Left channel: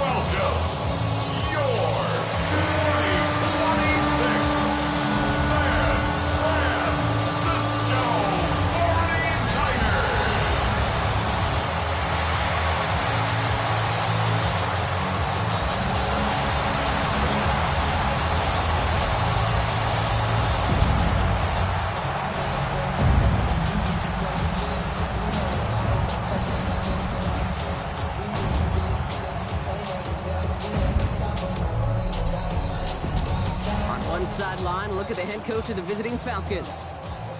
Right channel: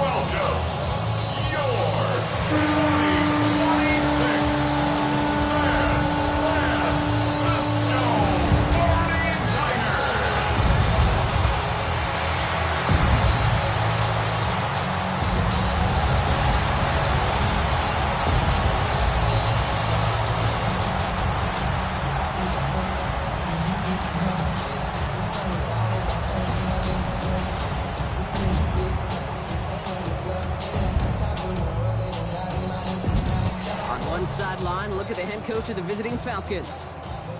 welcome your 2026 San Francisco 49ers. On one sideline, look at the head coach of the visiting Falcons.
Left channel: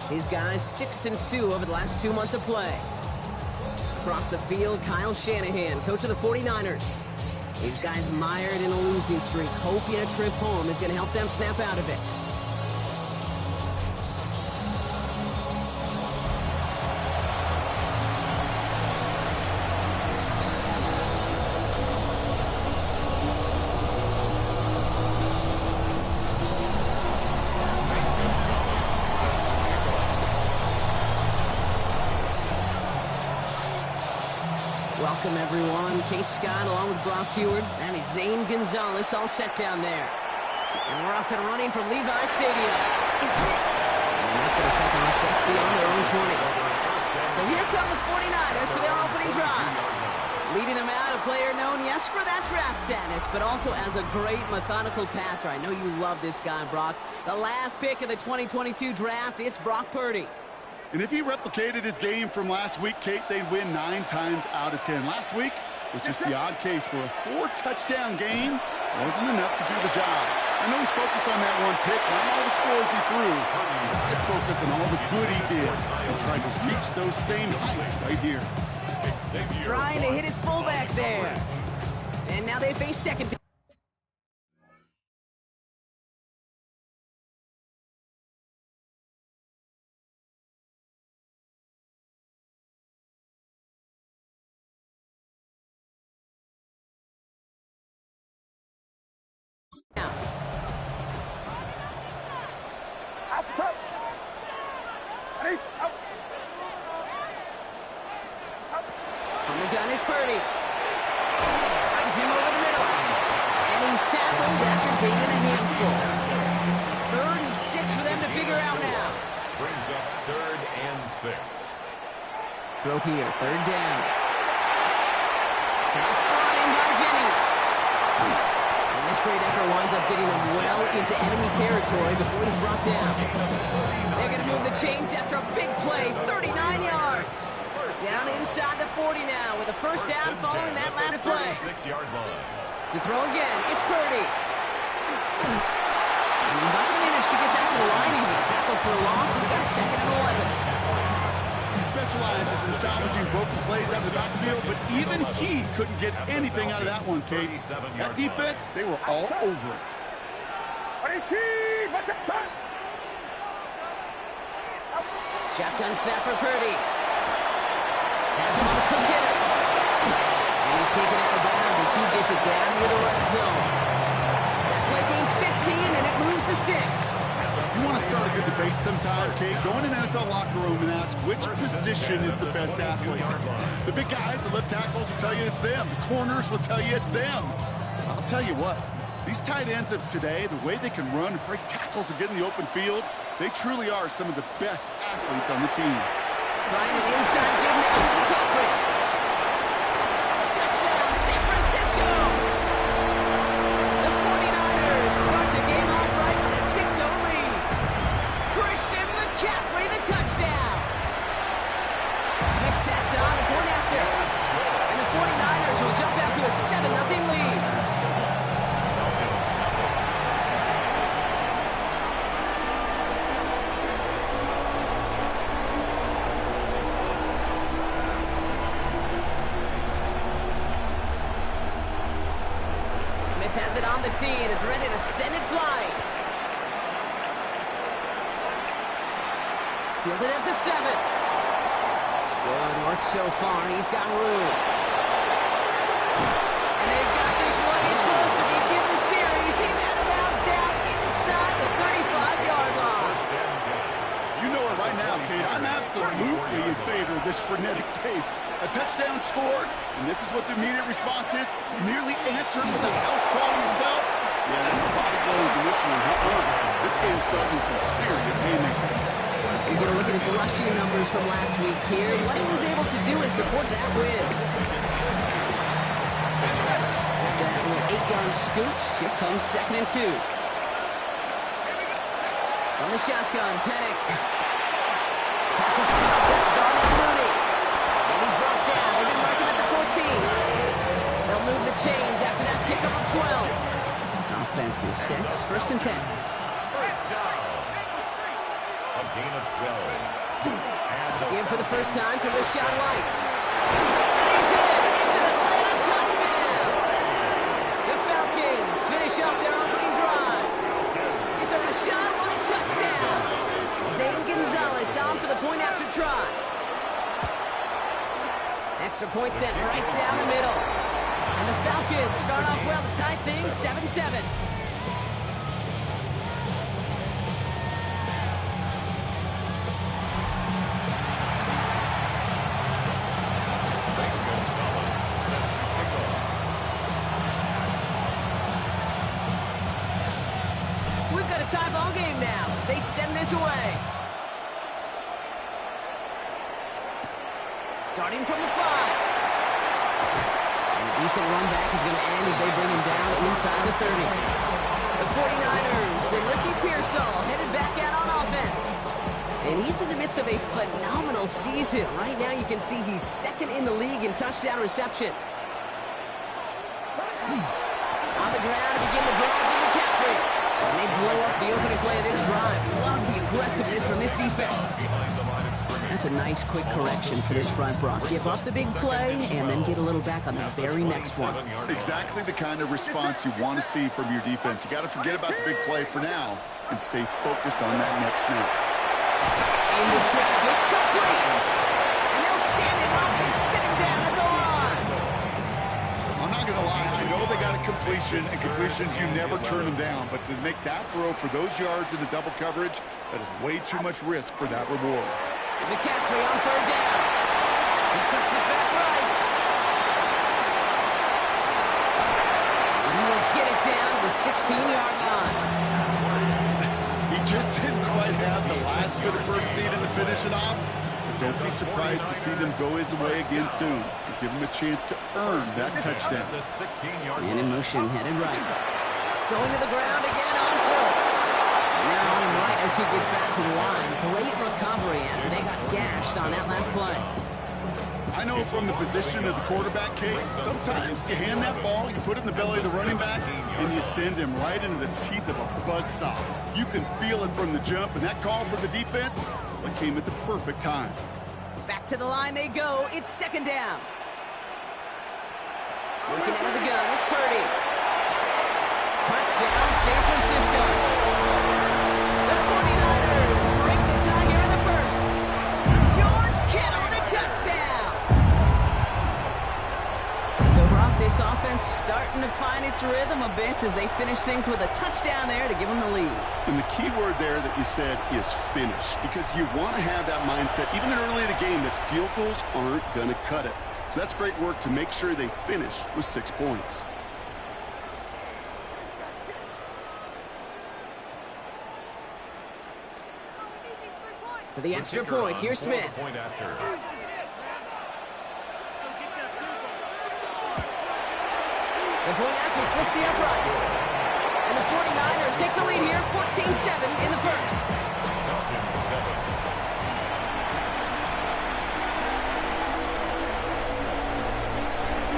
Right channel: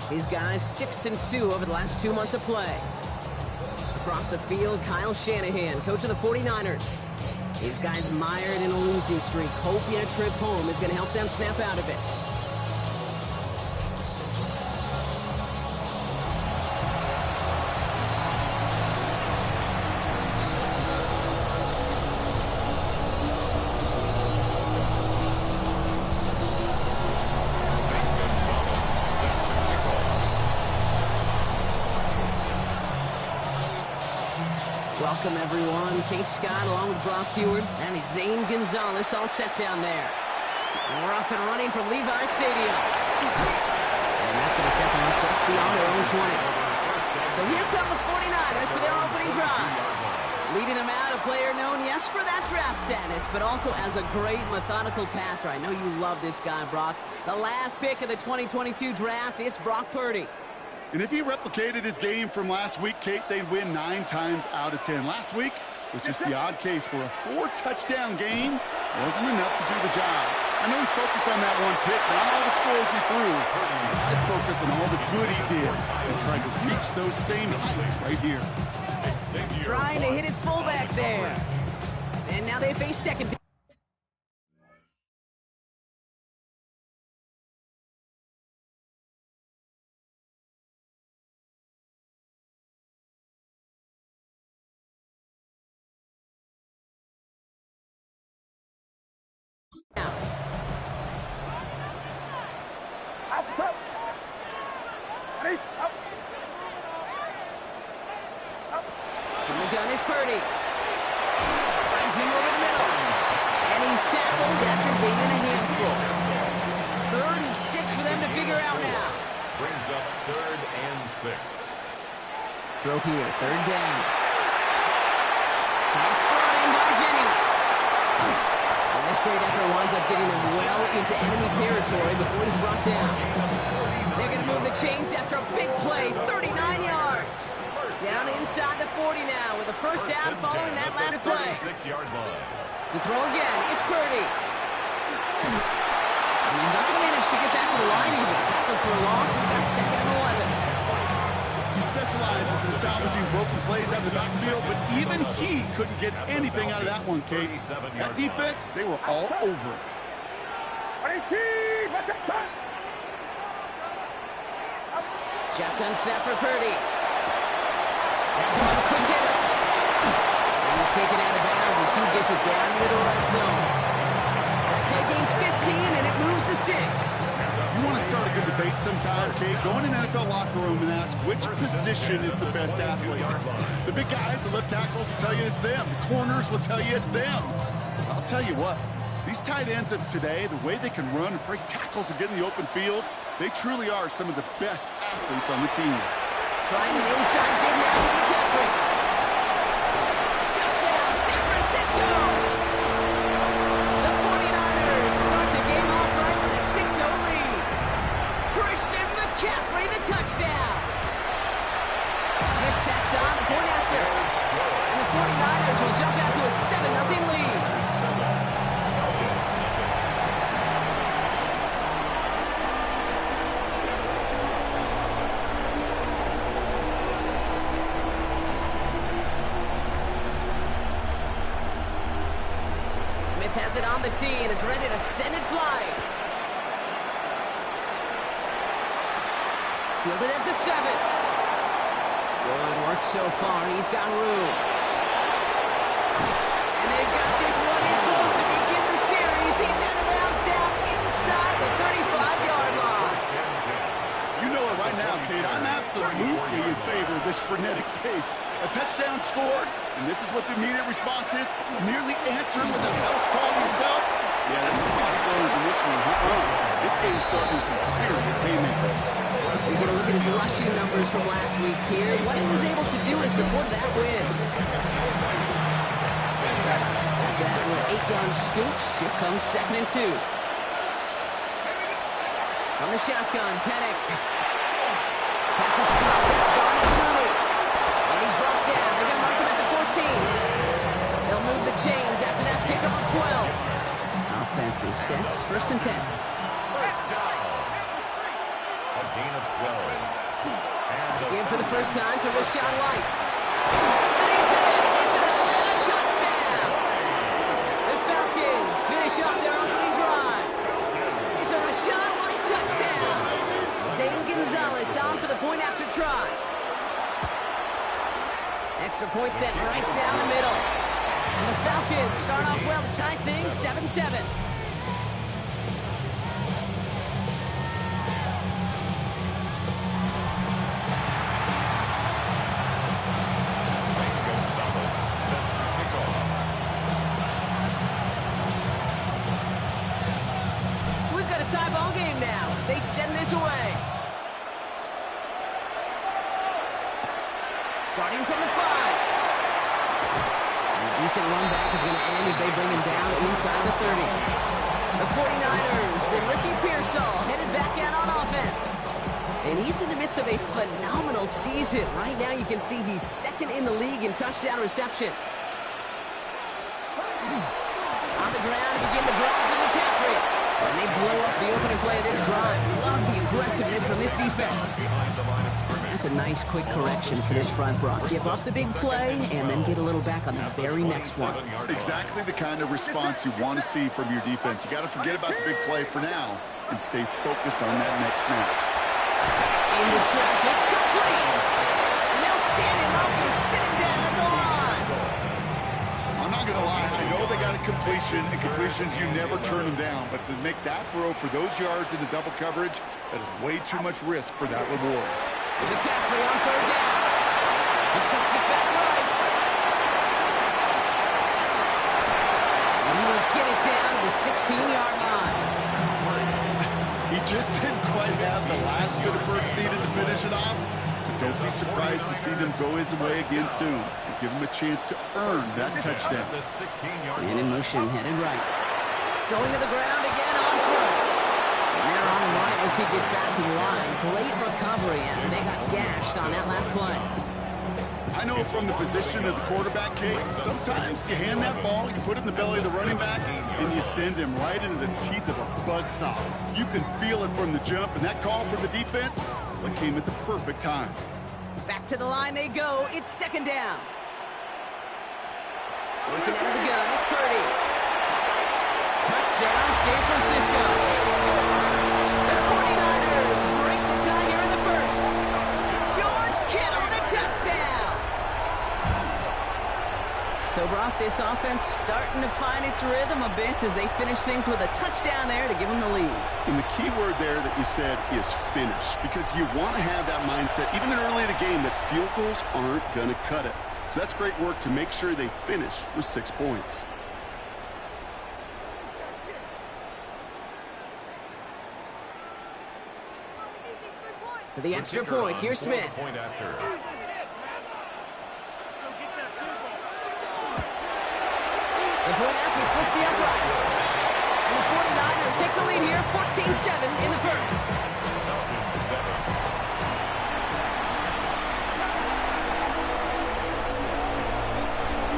These guys 6-2 over the last 2 months of play. Across the field, Kyle Shanahan, coach of the 49ers. These guys mired in a losing streak, hoping a trip home is going to help them snap out of it. Welcome, everyone. Kate Scott along with Brock Heward and Zane Gonzalez all set down there. And we're off and running from Levi Stadium. And that's going to set them up just beyond their own 20. So here come the 49ers for their opening drive. Leading them out, a player known, yes, for that draft status, but also as a great methodical passer. I know you love this guy, Brock. The last pick of the 2022 draft, it's Brock Purdy. And if he replicated his game from last week, Kate, they'd win 9 times out of 10. Last week was just the odd case where a 4-touchdown game wasn't enough to do the job. I know he's focused on that one pick, not all the scores he threw. I'd focus on all the good he did and try to reach those same heights right here. Trying to hit his fullback there. And now they face second. Now. From the gun is Purdy. Finds him over the middle. And he's tackled after gaining a handful. 3rd and 6 for them to figure out now. Brings up 3rd and 6. Throw here, 3rd down. Pass brought in by Jennings. And this great effort winds up getting them well into enemy territory before he's brought down. They're going to move the chains after a big play, 39 yards. Down inside the 40 now with a first down following that last play. 36-yard line. To throw again, it's Purdy. And he's not going to manage to get back to the line even. Tackle for a loss, we've got 2nd and 11. He specializes in salvaging broken plays out of the backfield, but even he couldn't get anything out of that one, Kate. That defense, they were all over it. Shotgun snap for Purdy. That's him on the quick hitter. And he's taken out of bounds as he gets it down near the red zone. That play gains 15, and it moves the sticks. You want to start a good debate sometime, Kate? Go in an NFL locker room and ask which position is the best athlete. The big guys, the left tackles will tell you it's them. The corners will tell you it's them. I'll tell you what, these tight ends of today, the way they can run and break tackles and get in the open field, they truly are some of the best athletes on the team. Trying an inside give now to McCaffrey. Touchdown, San Francisco! The 49ers start the game off right with a 6-0 lead. Christian McCaffrey, the touchdown. Smith tacks on the point after. And the 49ers will jump out to a 7-0 lead. Smith has it on the tee, and it's ready to send it flying. Fielded at the 7. Good work so far. He's got room. And they've got this one in close to begin the series. He's out of bounds down inside the 35-yard line. You know it right now, Kate. I'm absolutely in favor of this frenetic pace. A touchdown scored, and this is what the immediate response is. Nearly answered with a house call yourself. Yeah, no body blows in this one. This game's starting with some serious haymakers. You're going to look at his rushing numbers from last week here. What he was able to do in support of that win. After that little 8-yard scooch, here comes 2nd and 2. From the shotgun, Penix. Passes caught. That's Darnell Mooney. And he's brought down. They're going to mark him at the 14. They'll move the chains after that pickup of 12. Offense is set. 1st and 10. First down. A gain of 12. Game for the first time to Rachaad White. And he's in. It's an Atlanta touchdown. The Falcons finish up their opening drive. It's a Rachaad White touchdown. Zane Gonzalez on for the point after try. Extra point sent right down the middle. And the Falcons start off well to tie things 7-7. So we've got a tie ball game now as they send this away. Starting from the 5. A decent run back is going to end as they bring him down inside the 30. The 49ers and Ricky Pearsall headed back out on offense. And he's in the midst of a phenomenal season. Right now you can see he's 2nd in the league in touchdown receptions. On the ground to begin the drive with McCaffrey. And they blow up the opening play of this drive. Love the aggressiveness from this defense. That's a nice quick correction for this front, Brock. Give up the big play and then get a little back on the very next one. Exactly the kind of response you want to see from your defense. You got to forget about the big play for now and stay focused on that next snap. Into traffic, complete. And they'll stand him up and sit him down at the line. I'm not going to lie, I know they got a completion, and completions, you never turn them down. But to make that throw for those yards in the double coverage, that is way too much risk for that reward. McCaffrey on 3rd down. He cuts it back right. And he will get it down to the 16-yard line. He just didn't quite have the last bit of burst needed to finish it off. Don't be surprised to see them go his way again soon and give him a chance to earn that touchdown. And in motion, headed right. Going to the ground again on first. And they're on him right as he gets back to the line. Great recovery after they got gashed on that last play. I know from the position of the quarterback, Kate, sometimes you hand that ball, you put it in the belly of the running back, and you send him right into the teeth of a buzzsaw. You can feel it from the jump, and that call for the defense, it came at the perfect time. Back to the line they go. It's 2nd down. Working out of the gun, it's Purdy. Touchdown, San Francisco. The 49ers break the tie here in the first. George Kittle, the touchdown. So, Brock, this offense starting to find its rhythm a bit as they finish things with a touchdown there to give them the lead. And the key word there that you said is finish, because you want to have that mindset, even early in the game, that field goals aren't going to cut it. So that's great work to make sure they finish with 6 points. For the extra point, here's Smith. The point after splits the uprights. And the 49ers take the lead here, 14-7 in the first. Falcons 7.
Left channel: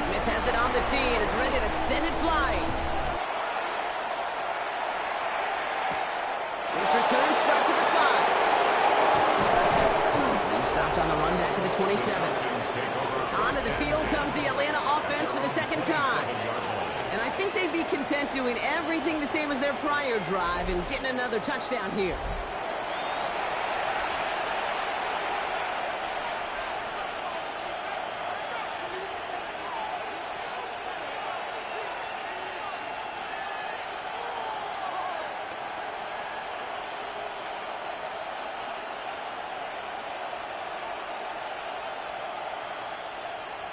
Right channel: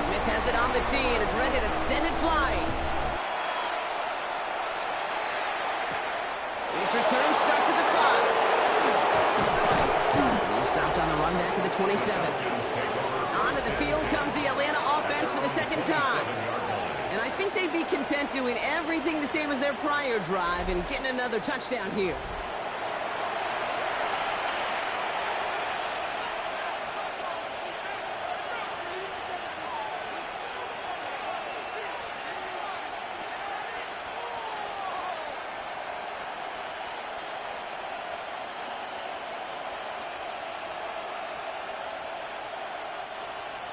Smith has it on the tee, and it's ready to send it flying. His return starts at the 5. He's stopped on the run back at the 27. Onto the field comes the Atlanta offense for the 2nd time. And I think they'd be content doing everything the same as their prior drive and getting another touchdown here.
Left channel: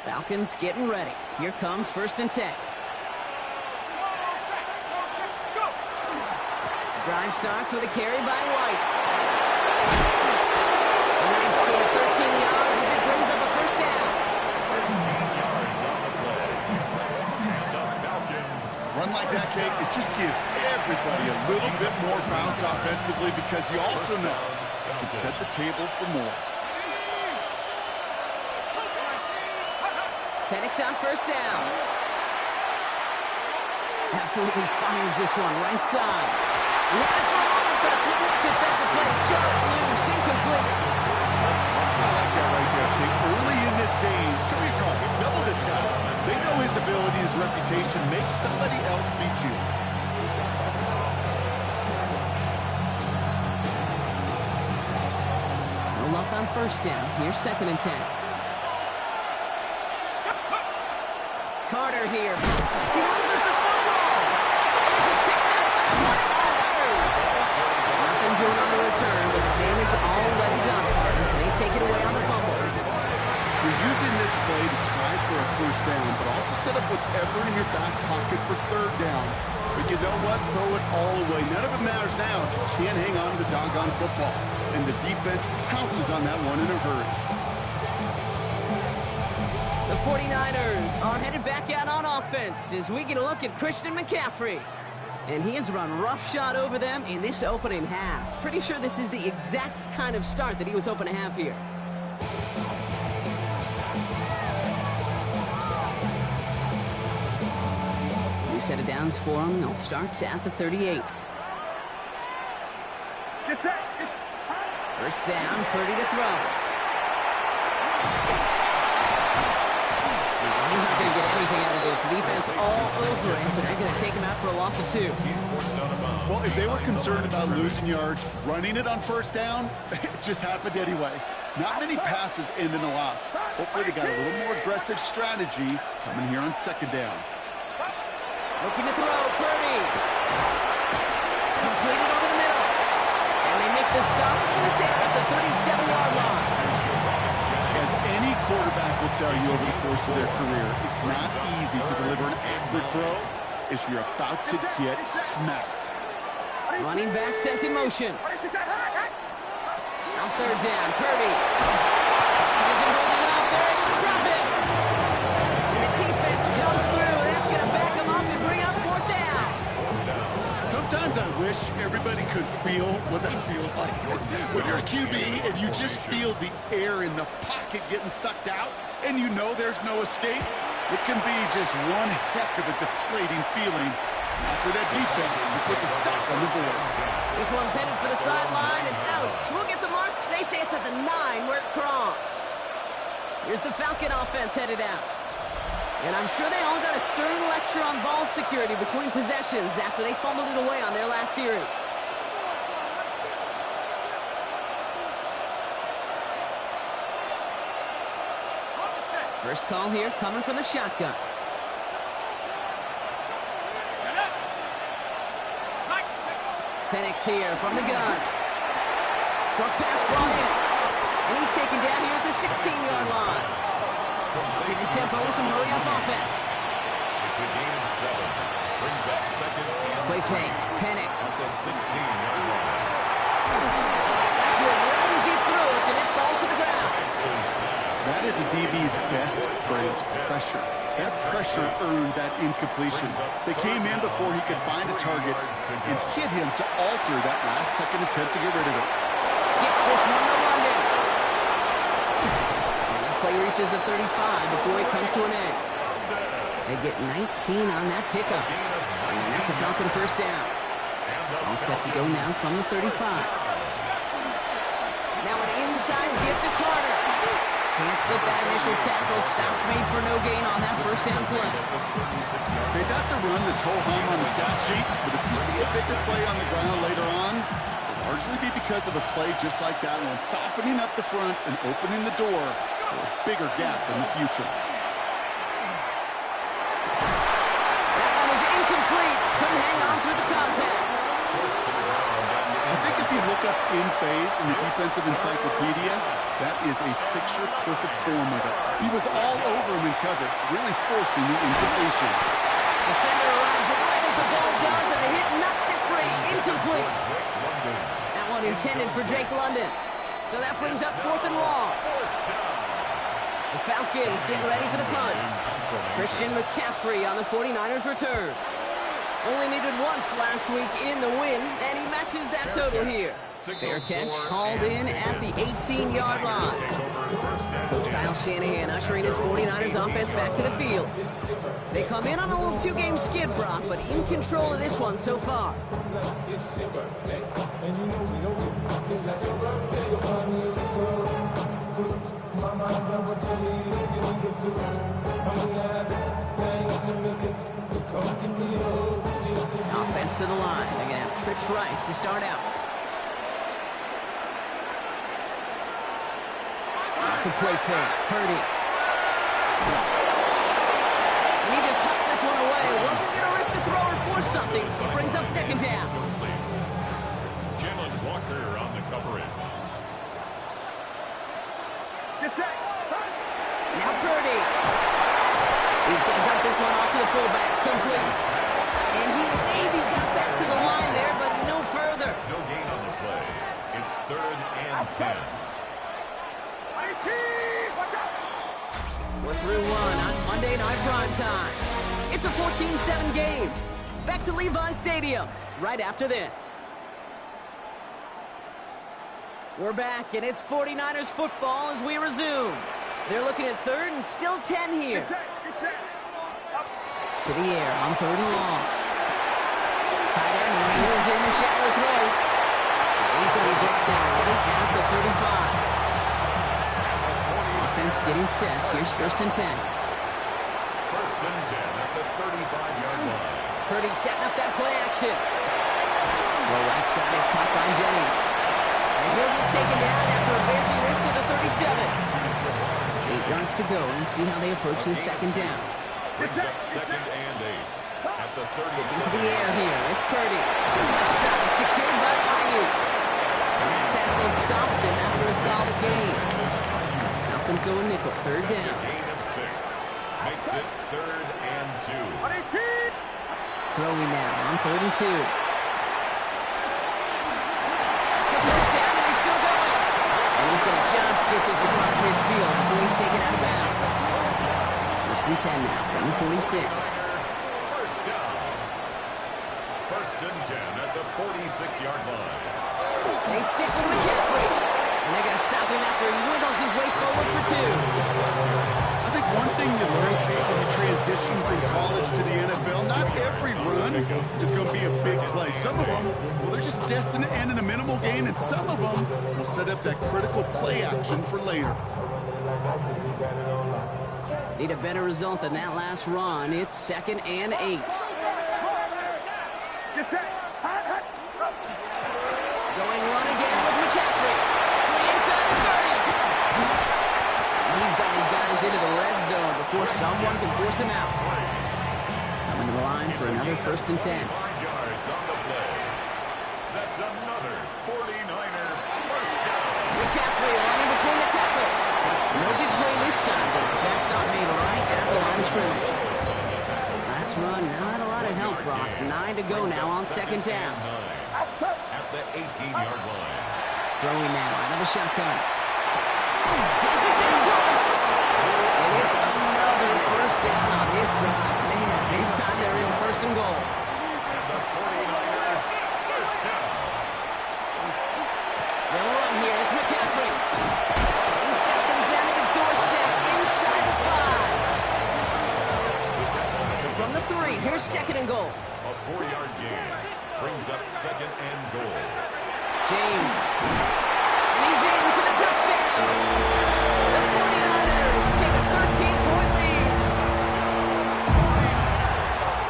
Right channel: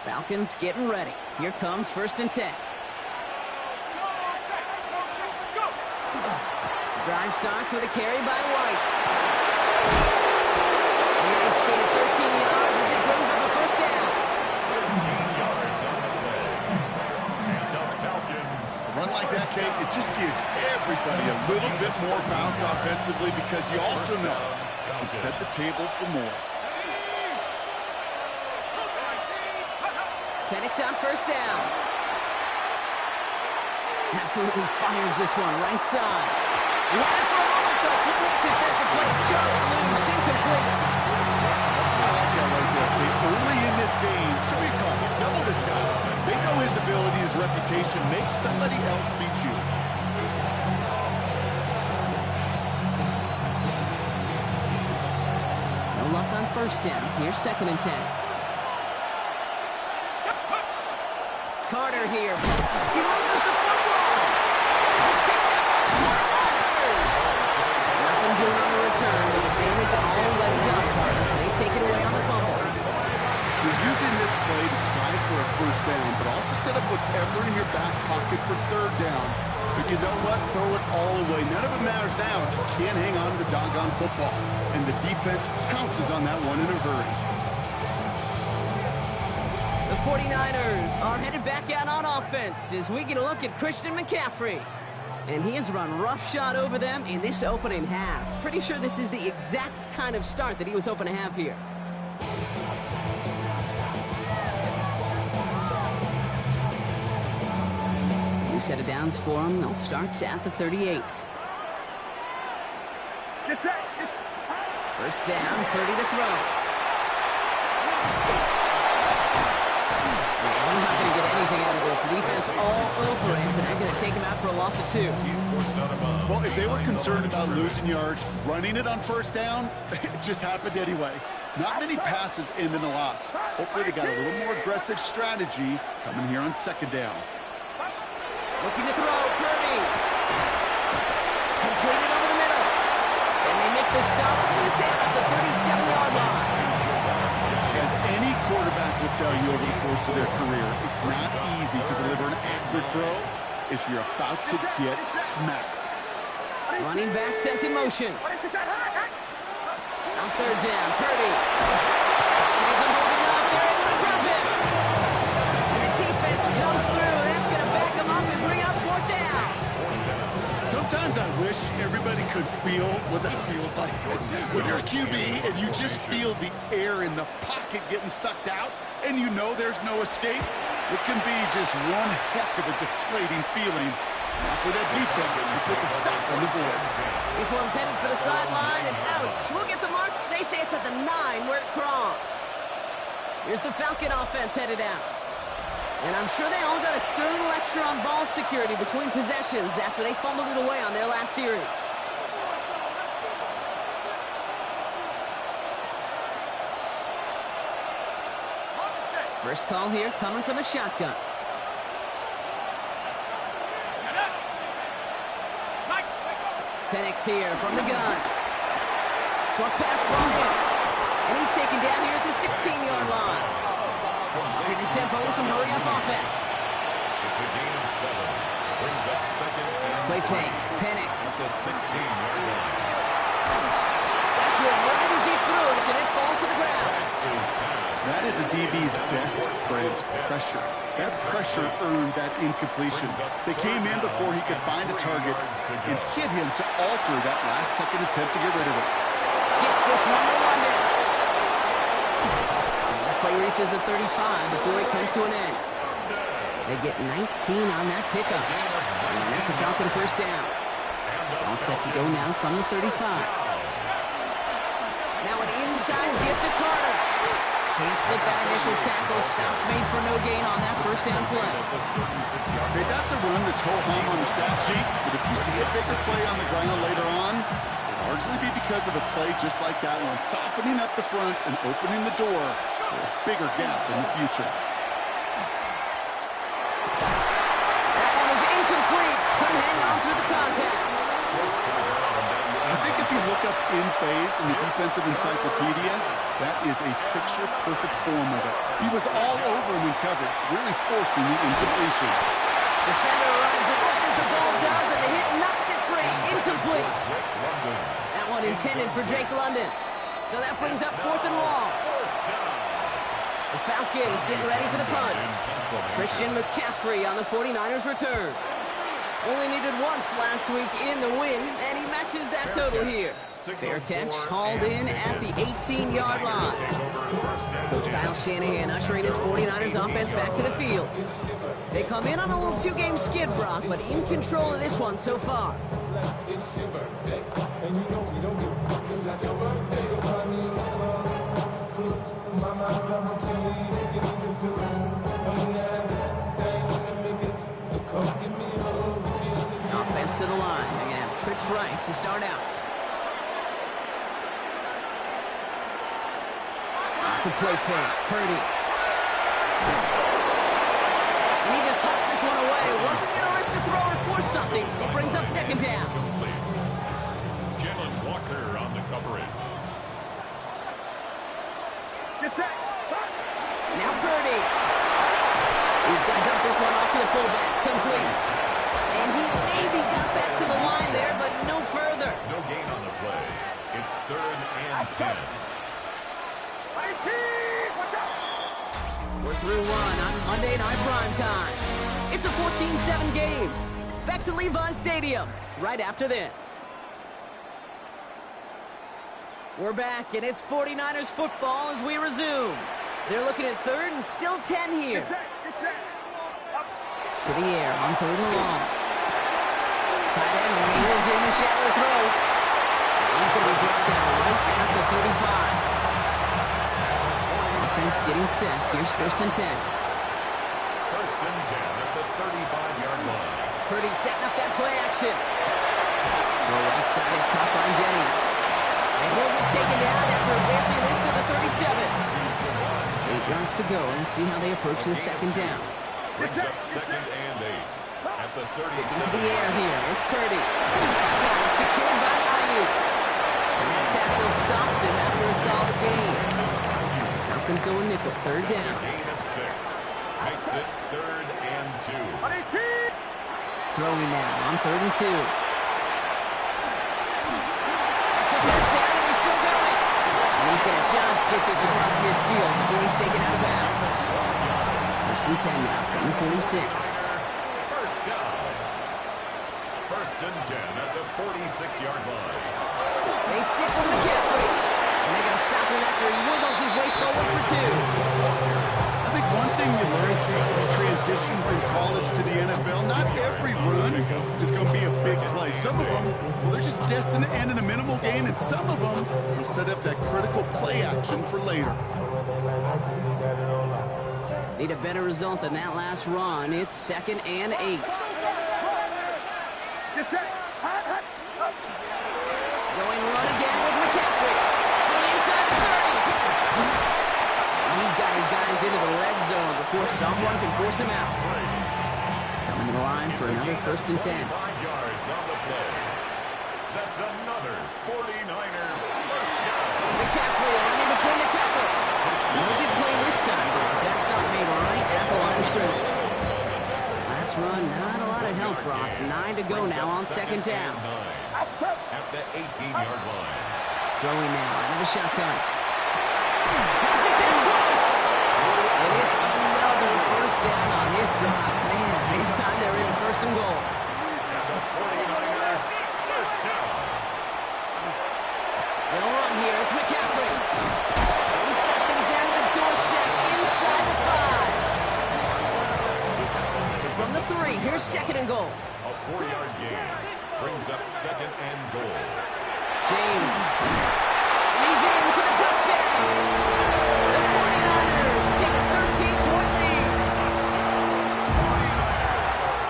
Falcons getting ready. Here comes 1st and 10. Drive starts with a carry by White. A nice gain of 13 yards as it brings up a 1st down. 13 yards on the play. And the Falcons. A run like that, Kate, it just gives everybody a little bit more bounce offensively because you also know you can set the table for more. Penix on 1st down. Absolutely fires this one right side. He had it for a moment, but a quick defensive play. Charlie loose, incomplete. I like that right there, Kate. Early in this game, show your cards, double this guy. They know his ability, his reputation. Make somebody else beat you. No luck on 1st down. Here's 2nd and 10. Carter here. He loses the football. And this is picked up by the 49ers. Nothing doing on the return, but the damage already done, partner. They take it away on the fumble. You're using this play to try for a 1st down, but also set up whatever in your back pocket for 3rd down. But you know what? Throw it all away. None of it matters now if you can't hang on to the doggone football. And the defense pounces on that one in a hurry. The 49ers are headed back out on offense as we get a look at Christian McCaffrey. And he has run roughshod over them in this opening half. Pretty sure this is the exact kind of start that he was hoping to have here. New set of downs for him. They'll start at the 38. Get set. 1st down, Purdy to throw. He's not going to get anything out of this. The defense all over him, so they're going to take him out for a loss of 2. He's forced out of bounds. Well, if they were concerned about losing yards, running it on 1st down, it just happened anyway. Not many passes end in a loss. Hopefully they got a little more aggressive strategy coming here on 2nd down. Looking to throw, Purdy. Completed over the middle. And they make the stop. I'm going to say about the 37-yard line. As any quarterback will tell you over the course of their career, it's not easy to deliver an accurate throw if you're about to get smacked. Running back sent in motion. On 3rd down, Purdy. He isn't holding up. They're able to drop it. And the defense comes through. That's going to back them up and bring up 4th down. Sometimes I wish everybody could feel what that feels like. When you're a QB and you just feel the air in the pocket getting sucked out and you know there's no escape, it can be just one heck of a deflating feeling. Not for that defense who puts a sack on the board. This one's headed for the sideline and out. We'll get the mark. They say it's at the 9 where it crossed. Here's the Falcon offense headed out. And I'm sure they all got a stern lecture on ball security between possessions after they fumbled it away on their last series. First call here coming from the shotgun. Penix here from the gun. Short pass brought in. And he's taken down here at the 16-yard line. Upping the tempo with some hurry-up offense. It's a gain of 7. Brings up 2nd and Play fake. Penix. at the 16-yard line. Got to it right as he threw it, and it falls to the ground. That is a DB's best friend, pressure. That pressure earned that incompletion. They came in before he could find a target and hit him to alter that last-second attempt to get rid of it. Gets this one to London. And this play reaches the 35 before it comes to an end. They get 19 on that pickup. And that's a Falcon 1st down. All set to go now from the 35. Now an inside gift to Carter. Can't slip that initial tackle. Stops made for no gain on that 1st down play. Okay, that's a run that's ho-hum on the stat sheet, but if you see a bigger play on the ground later on, it'll largely be because of a play just like that one, softening up the front and opening the door for a bigger gap in the future. That one is incomplete. Couldn't hang on through the contact. I think if you look up in phase in the defensive encyclopedia, That is a picture-perfect form of it. He was all over him in coverage, really forcing the incompletion. Defender arrives right as the ball does, and the hit knocks it free. Incomplete. That one intended for Drake London. So that brings up 4th and long. The Falcons getting ready for the punt. Christian McCaffrey on the 49ers return. Only needed once last week in the win, and he matches that total here. Fair catch hauled in at the 18-yard line. Coach Kyle Shanahan ushering his 49ers offense back to the field. They come in on a little 2-game skid, Brock, but in control of this one so far. Offense to the line. They're going to have trips right to start out. Off the play fake. Purdy. And he just hucks this one away. Wasn't going to risk a throw or force something. It brings up 2nd down. Jalen Walker on the coverage. Now Purdy. He's going to dump this one off to the fullback. Complete. And he maybe got back to the line there, but no further. No gain on the play. It's 3rd and 10. We're through one on Monday Night Primetime. It's a 14-7 game. Back to Levi's Stadium right after this. We're back, and it's 49ers football as we resume. They're looking at 3rd and still 10 here. To the air on 3rd and long. Tight end reels in the shallow throw. He's going to be brought down right at the 35. Offense getting set. Here's 1st and 10. 1st and 10 at the 35-yard line. Purdy setting up that play action. Throw right side is caught by Jennings. And he'll get taken down after advancing this to the 37. 8 yards to go. Let's see how they approach the 2nd down. Brings up 2nd and 8 at the 37. Sticking to the air here. It's Purdy. Left side secured by Ayuk. And that tackle stops him after a solid gain. Falcons go in nickel. 3rd down. It's a gain of 6. Makes it 3rd and 2. Throwing now on 3rd and 2. That's the first down, and he's still going. And he's going to just get this across midfield before he's taken out of bounds. 1st and 10 now from the 46. First down. 1st and 10 at the 46-yard line. They stick with McCaffrey. And they're going to stop him after he wiggles his way forward for 2. I think one thing you learn, Kate, when you transition from college to the NFL, not every run is going to be a big play. Some of them, well, they're just destined to end in a minimal gain, and some of them will set up that critical play action for later. Need a better result than that last run. It's 2nd and 8. Going run again with McCaffrey. Free inside the 30. He's got his guys into the red zone before someone can force him out. Coming to the line for another 1st and 10. 5 yards on the play. That's another 49er first down. McCaffrey running between the tackles. No big play this time, but that stop made right at the line of scrimmage. Last run, not a lot of help, Brock. 9 to go now on 2nd down. At the 18-yard line. Throwing now out of the shotgun. Has it in close. And it's another first down on this drive. Man, this time they're in 1st and goal. And the 49ers first down. They'll run here. It's McCaffrey. He's got them down to the doorstep inside the 5. So from the 3, here's 2nd and goal. A 4-yard gain brings up 2nd and goal. James. And he's in for the touchdown. The 49ers take a 13-point lead.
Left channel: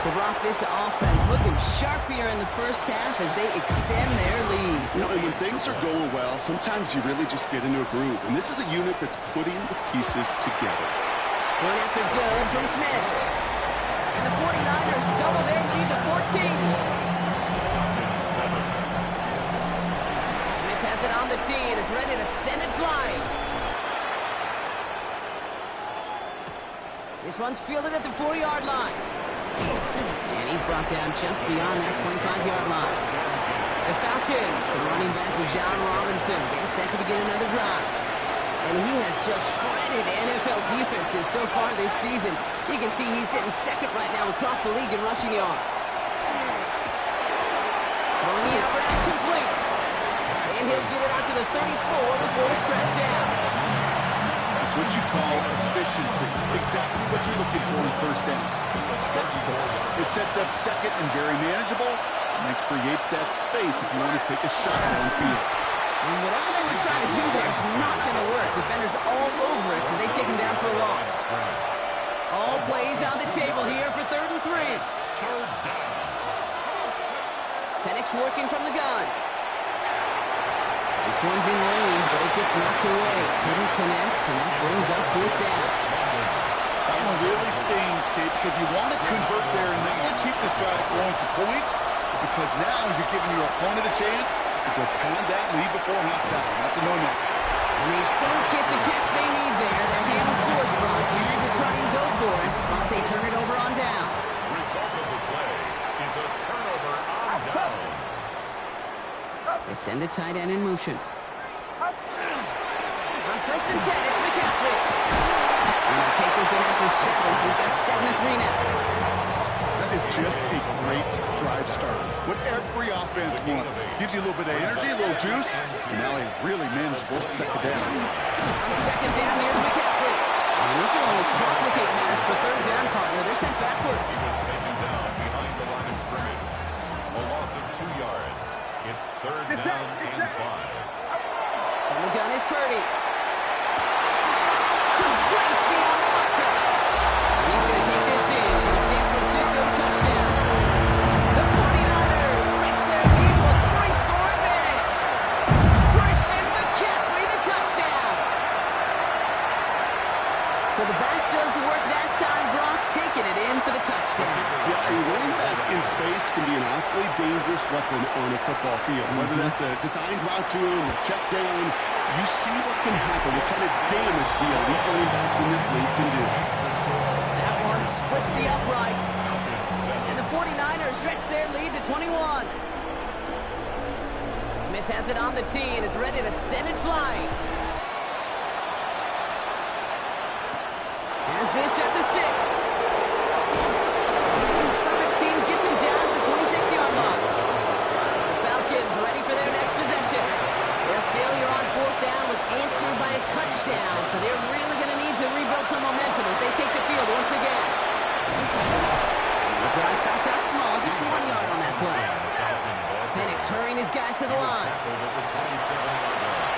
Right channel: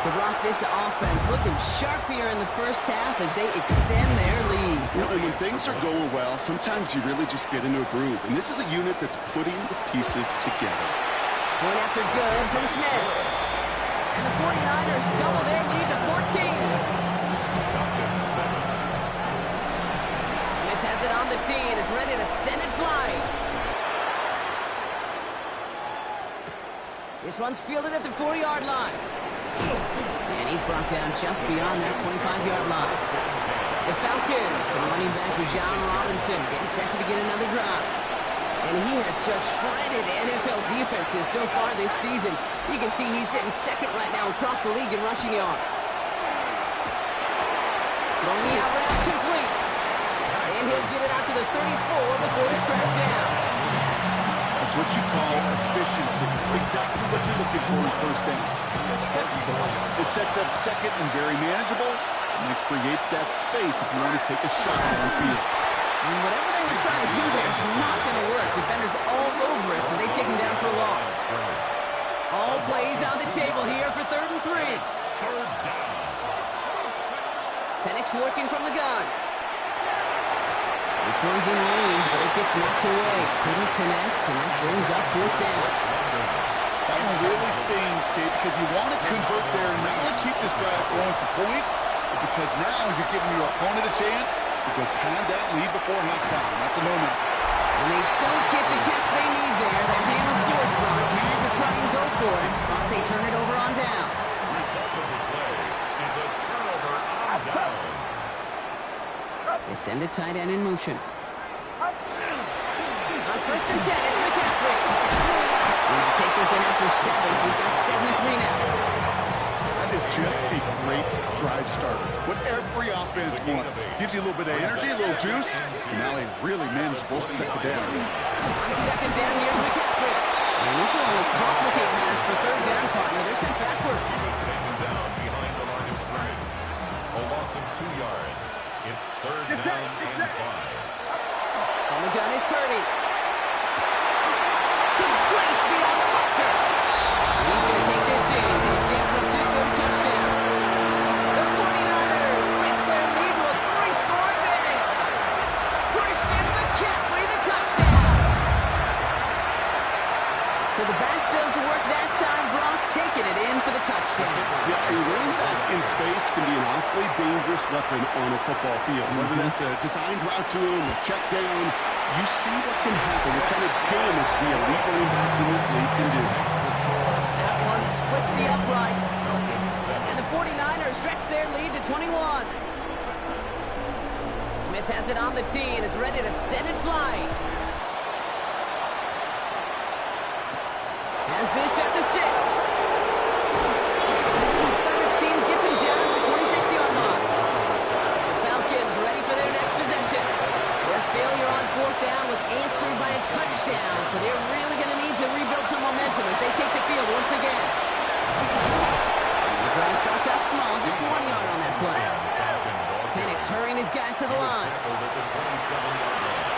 To rock this offense looking sharp here in the first half as they extend their lead. You know, and when things are going well, sometimes you really just get into a groove. And this is a unit that's putting the pieces together. Going after good from Smith. And the 49ers double their lead to 14. Falcons 7. Smith Smith has it on the tee, and it's ready to send it flying. This one's fielded at the 4-yard line. And he's brought down just beyond that 25-yard line. The Falcons, running back John Robinson, getting set to begin another drive. And he has just shredded NFL defenses so far this season. You can see he's sitting second right now across the league in rushing yards. Throwing the out route complete. And he'll get it out to the 34 before he's tracked down. That's what you call efficiency. Exactly what you're looking for in first down. It sets up second and very manageable, and it creates that space if you want to take a shot downfield. And whatever they were trying to do there is not going to work. Defenders all over it, so they take him down for a loss. All plays on the table here for 3rd and 3. Third down. Penix working from the gun. This one's in range, but it gets knocked away. Couldn't connect, and that brings up 4th down. That one really stings, Kate, because you want to convert there and not only keep this drive going for points, but because now you're giving your opponent a chance to go pad that lead before halftime. That's a no-no. When they don't get the catch they need there, their hand was forced, Brock. Had to try and go for it, but they turn it over on downs. Result of the play is a turnover on downs. They send a tight end in motion. On 1st and 10, it's McCaffrey. And they'll take this ahead for 7. We've got 7 and 3 now. That is just a great drive starter. What every offense wants. Gives you a little bit of energy, a little juice, and now a really manageable second down. On 2nd down, here's McCaffrey. And this one will complicate matters for 3rd down, partner. They're sent backwards. He was taken down behind the line of scrimmage. A loss of 2 yards. It's 3rd down and 5. On the gun is Purdy. Complete beyond the marker. And he's going to take this in for the San Francisco touchdown. The 49ers stretch their lead to a 3-score advantage. Christian McCaffrey, the touchdown. So the back does the work that time, Brock, taking it in for the touchdown. Yeah, a running back in space can be an awfully dangerous weapon on a football field. Whether that's a designed route to him, a check down, you see what can happen, what kind of damage the elite running backs in this league can do. That one splits the uprights. And the 49ers stretch their lead to 21. Smith has it on the tee, and it's ready to send it flying. Has this at the 6. Herbert's team gets him down to the 26-yard line. The Falcons ready for their next possession. Their failure on 4th down was answered by a touchdown, so they're really going to need to rebuild some momentum as they take the field once again. The drive starts out small, just 1 yard on that play. Penix hurrying his guys to the line. Tackled at the 27-yard line.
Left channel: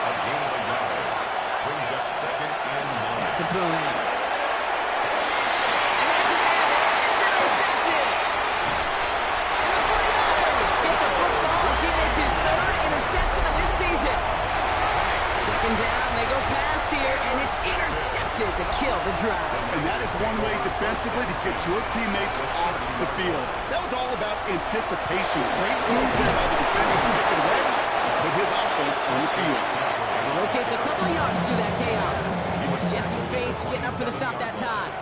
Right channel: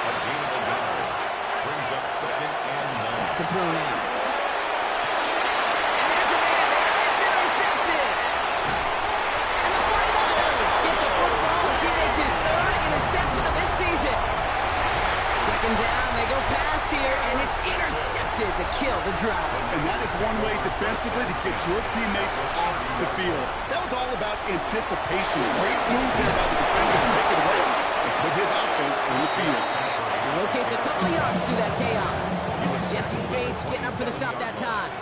A gain of a yard. Brings up 2nd and 9. That's a throw now. And there's a man there. It's intercepted. And the 49ers get the football as he makes his 3rd interception of this season. 2nd down, they go pass here, and it's intercepted to kill the drive. And that is one way defensively to get your teammates off the field. That was all about anticipation. Great move there by the defender to take it away and put his offense on the field. He locates a couple of yards through that chaos. Jesse Bates getting up for the stop that time.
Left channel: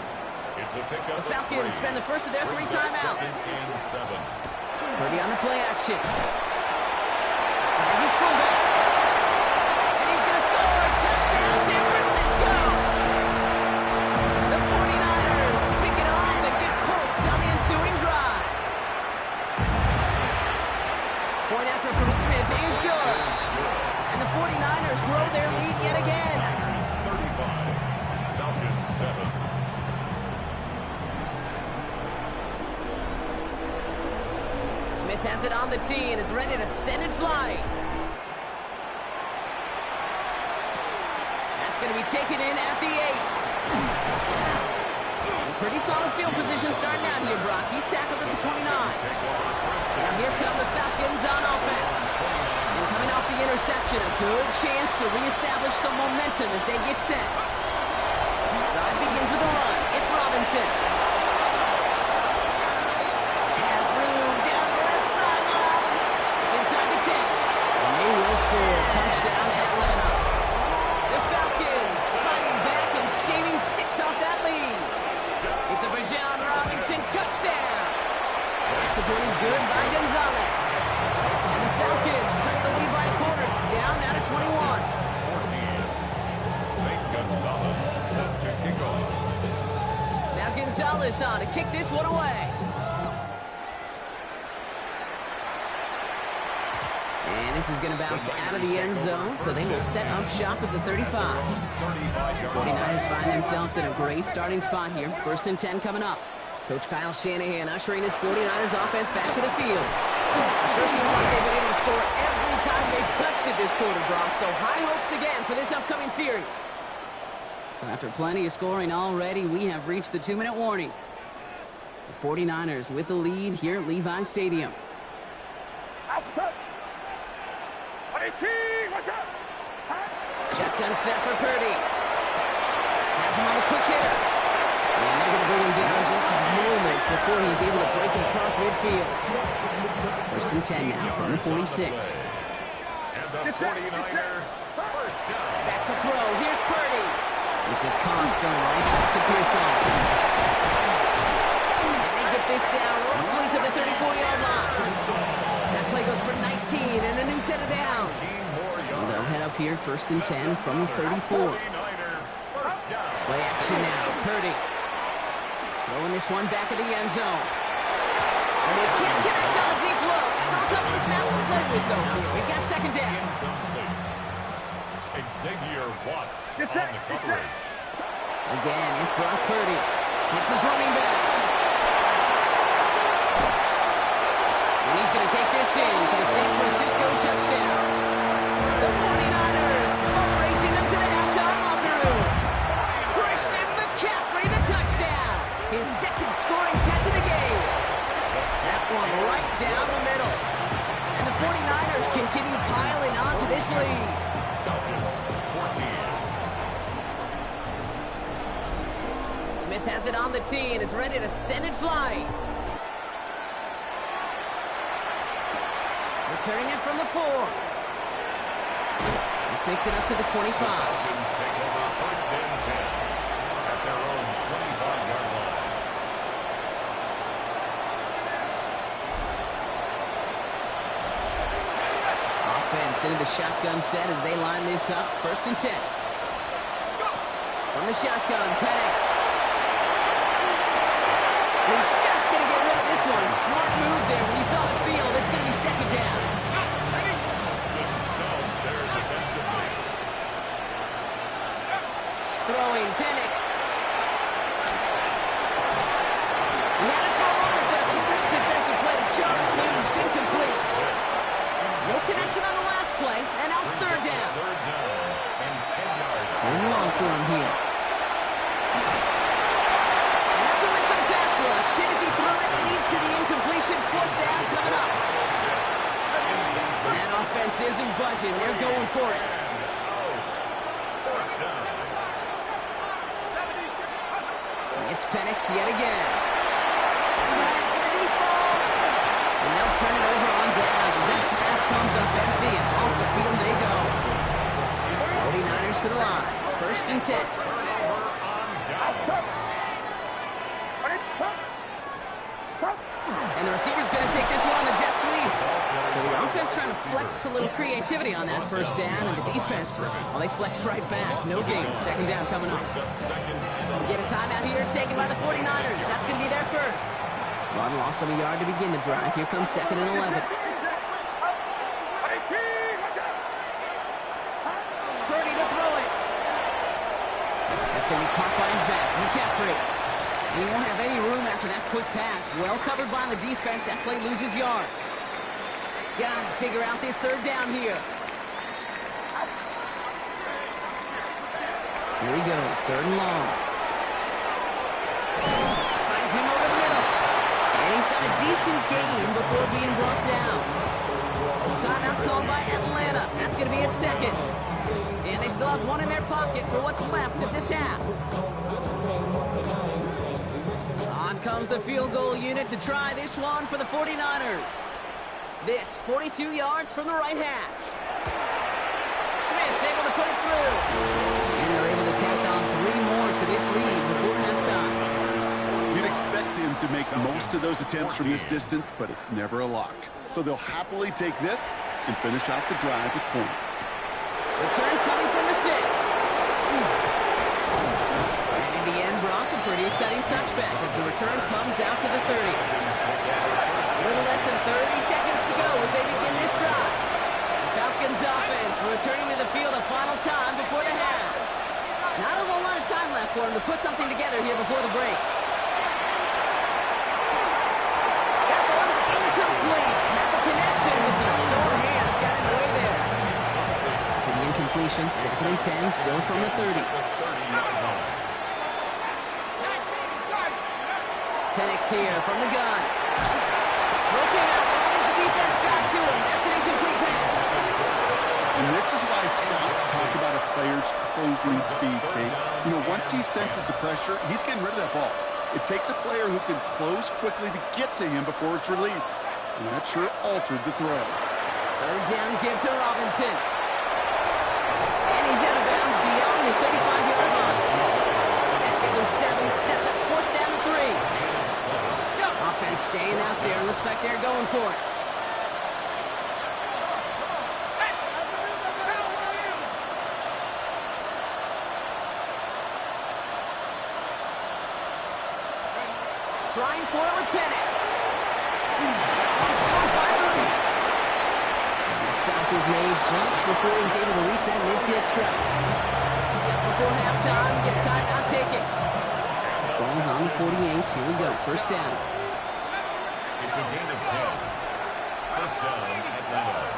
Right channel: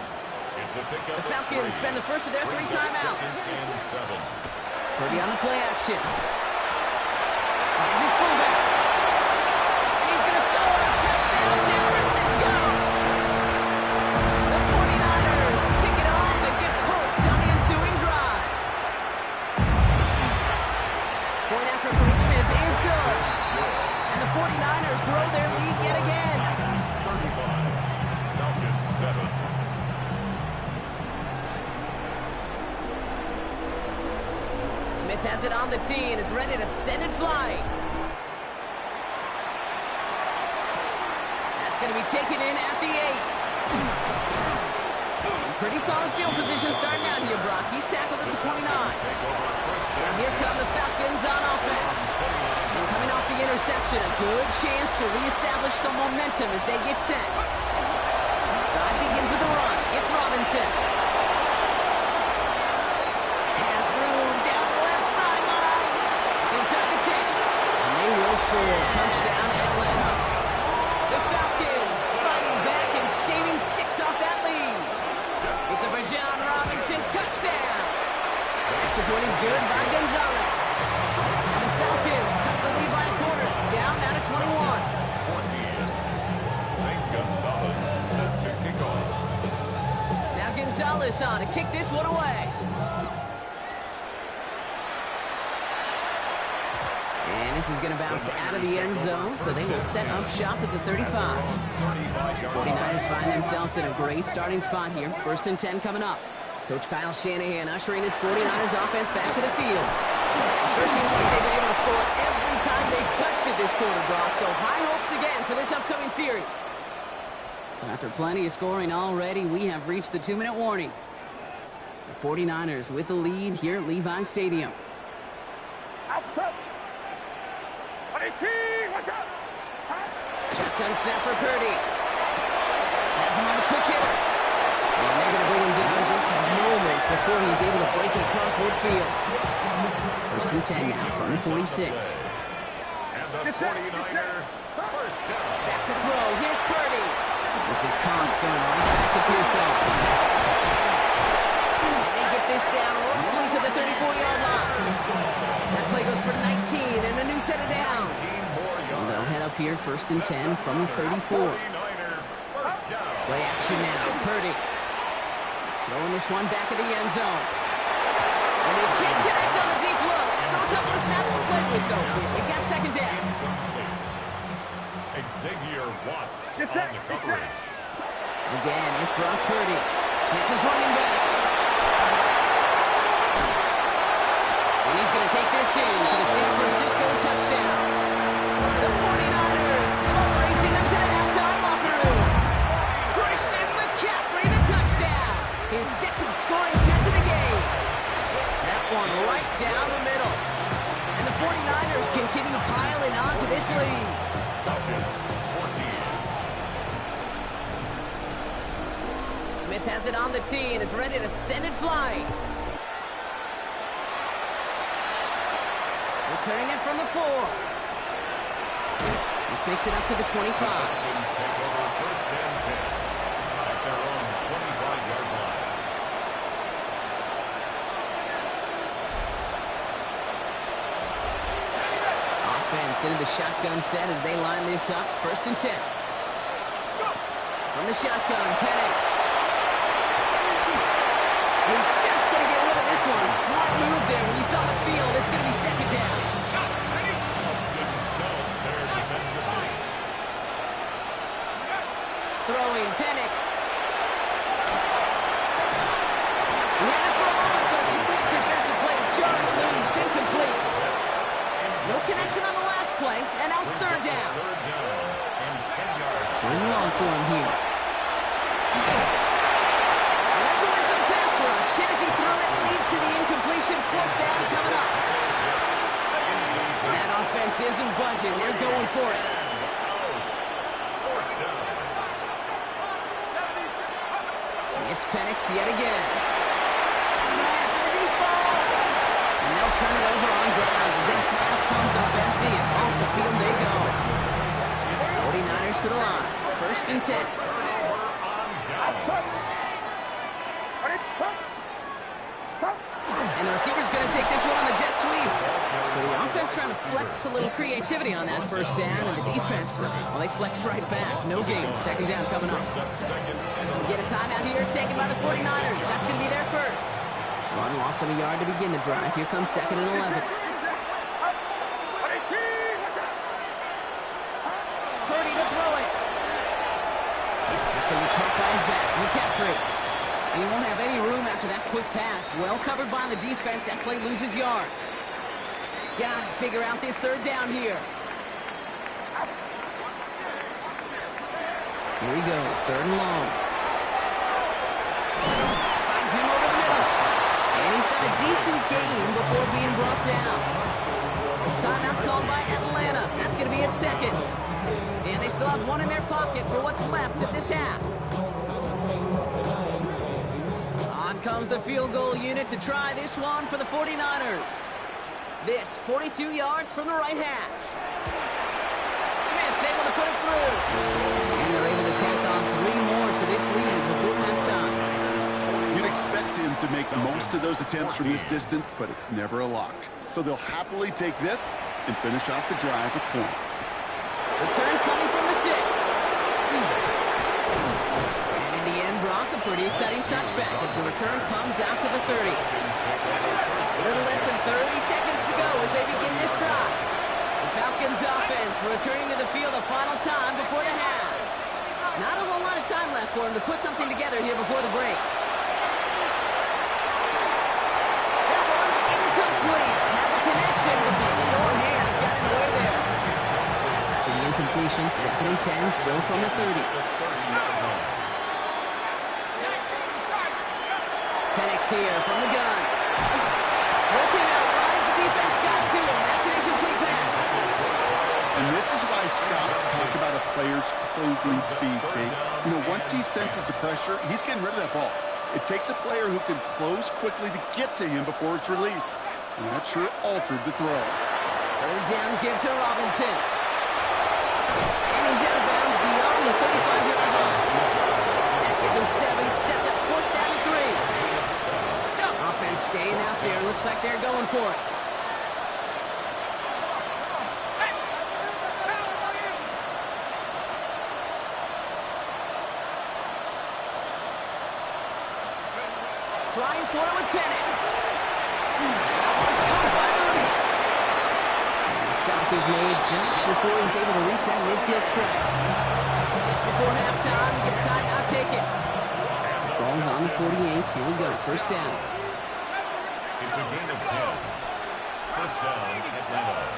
The Falcons spend the first of their 3 timeouts. Purdy on the play action. Finds his fullback. And he's going to score. Touchdown, San Francisco. The 49ers pick it off and get points on the ensuing drive. Point after from Smith is good. And the 49ers grow their lead yet again. 35, Falcons 7. Smith has it on the tee, and it's ready to send it flying. That's going to be taken in at the 8. Pretty solid field position starting out here, Brock. He's tackled at the 29. Now here come the Falcons on offense. And coming off the interception, a good chance to reestablish some momentum as they get set. Drive begins with a run. It's Robinson. Has room down the left sideline. It's inside the 10. And they will the score. Touchdown, Atlanta. The Falcons fighting back and shaving 6 off that lead. It's a Bijan Robinson touchdown. Extra point is good by Gonzalez. And the Falcons cut the lead by a quarter, down now to 21. 14. St. Gonzalez set to kick off. Now Gonzalez on to kick this one away. And this is going to bounce out of the end zone, so they will set up shop at the 35. 49ers find themselves in a great starting spot here. 1st and 10 coming up. Coach Kyle Shanahan ushering his 49ers offense back to the field. It sure seems like they've been able to score every time they've touched it this quarter, Brock. So high hopes again for this upcoming series. So after plenty of scoring already, we have reached the 2-minute warning. The 49ers with the lead here at Levi Stadium. Shotgun snap for Purdy. Has him on a quick hitter. And they're going to bring him down just a moment before he's able to break it across midfield. 1st and 10 now from the 46. And the 49ers first down. Back to throw. Here's Purdy. This is Cox going right back to Pearson. And they get this down roughly to the 34-yard line. That play goes for 19 and a new set of downs. So they'll head up here 1st and 10 from the 34. Play action now. Purdy throwing this one back at the end zone. And they can't connect on the deep low. Still a couple of snaps to play with, though, here. We've got 2nd down. Xavier Watts on the coverage. Again, it's Brock Purdy. Hits his running back. And he's going to take this in for the San Francisco touchdown. The 49ers racing them to the halftime locker room. Christian McCaffrey, the touchdown. His 2nd scoring catch of the game. That one right down the middle. And the 49ers continue piling on to this lead. Falcons 14. Smith has it on the tee, and it's ready to send it flying. Returning it from the 4. This makes it up to the 25. Falcons take over 1st and 10 at their own 25-yard line. Offense into the shotgun set as they line this up. 1st and 10. From the shotgun, Penix. He's just going to get rid of this one. Smart move there. When you saw the field, it's going to be 2nd down. Good snow there defensively. Throwing, Penix. He had it for a moment, but a quick defensive play to jar it loose. Incomplete. No connection on the last play, and now it's 3rd down. 3rd down and 10 yards. Third and long for him here. And that's a win for the pass rush. Hit as he threw it, leads to the incompletion. 4th down coming up. And that offense isn't budging. They're going for it. It's Penix yet again. Trying for the deep ball. And they'll turn it over on downs as that pass comes up empty, and off the field they go. 49ers to the line. 1st and 10. And the receiver's going to take this one on the jet sweep. So the offense trying to flex a little creativity on that 1st down, and the defense, well, they flex right back. No gain. 2nd down coming up. We get a timeout here taken by the 49ers. That's going to be their first. Run loss of a yard to begin the drive. Here comes 2nd and 11. Purdy to throw it. That's going to be caught by his back. McCaffrey. And he won't have any room after that quick pass. Well covered by the defense. That play loses yards. Got to figure out this 3rd down here. Here he goes. 3rd and long. Finds him over the middle. And he's got a decent gain before being brought down. Timeout called by Atlanta. That's going to be at 2nd. And they still have one in their pocket for what's left of this half. On comes the field goal unit to try this one for the 49ers. This 42 yards from the right hash. Smith able to put it through. And they're able to tack on 3 more to this lead before halftime. You'd expect him to make most of those attempts from this distance, but it's never a lock. So they'll happily take this and finish off the drive with points. Return coming from the 6. And in the end, Brock, a pretty exciting touchback as the return comes out to the 30. A little less than 30 seconds to go as they begin this drive. The Falcons offense returning to the field a final time before the half. Not a whole lot of time left for him to put something together here before the break. That one's incomplete. Had the connection, but some stone hands got in the way there. For the incompletion, 2nd and 10, still from the 30. Penix here from the gun. Throw came out right as the defense got to him. That's an incomplete pass. And this is why scouts talk about a player's closing speed, Kate. You know, once he senses the pressure, he's getting rid of that ball. It takes a player who can close quickly to get to him before it's released. And that sure altered the throw. 3rd down give to Robinson. And he's out of bounds beyond the 35-yard line. That gives him 7, sets up 4th down and 3. Offense staying out there. Looks like they're going for it. Trying for it with Penix. That one's caught by Mooney. And the stop is made just before he's able to reach that midfield strike. Just before halftime, we get timeout taken. Ball's on the 48. Here we go. 1st down. It's a gain of 10. 1st down, Atlanta.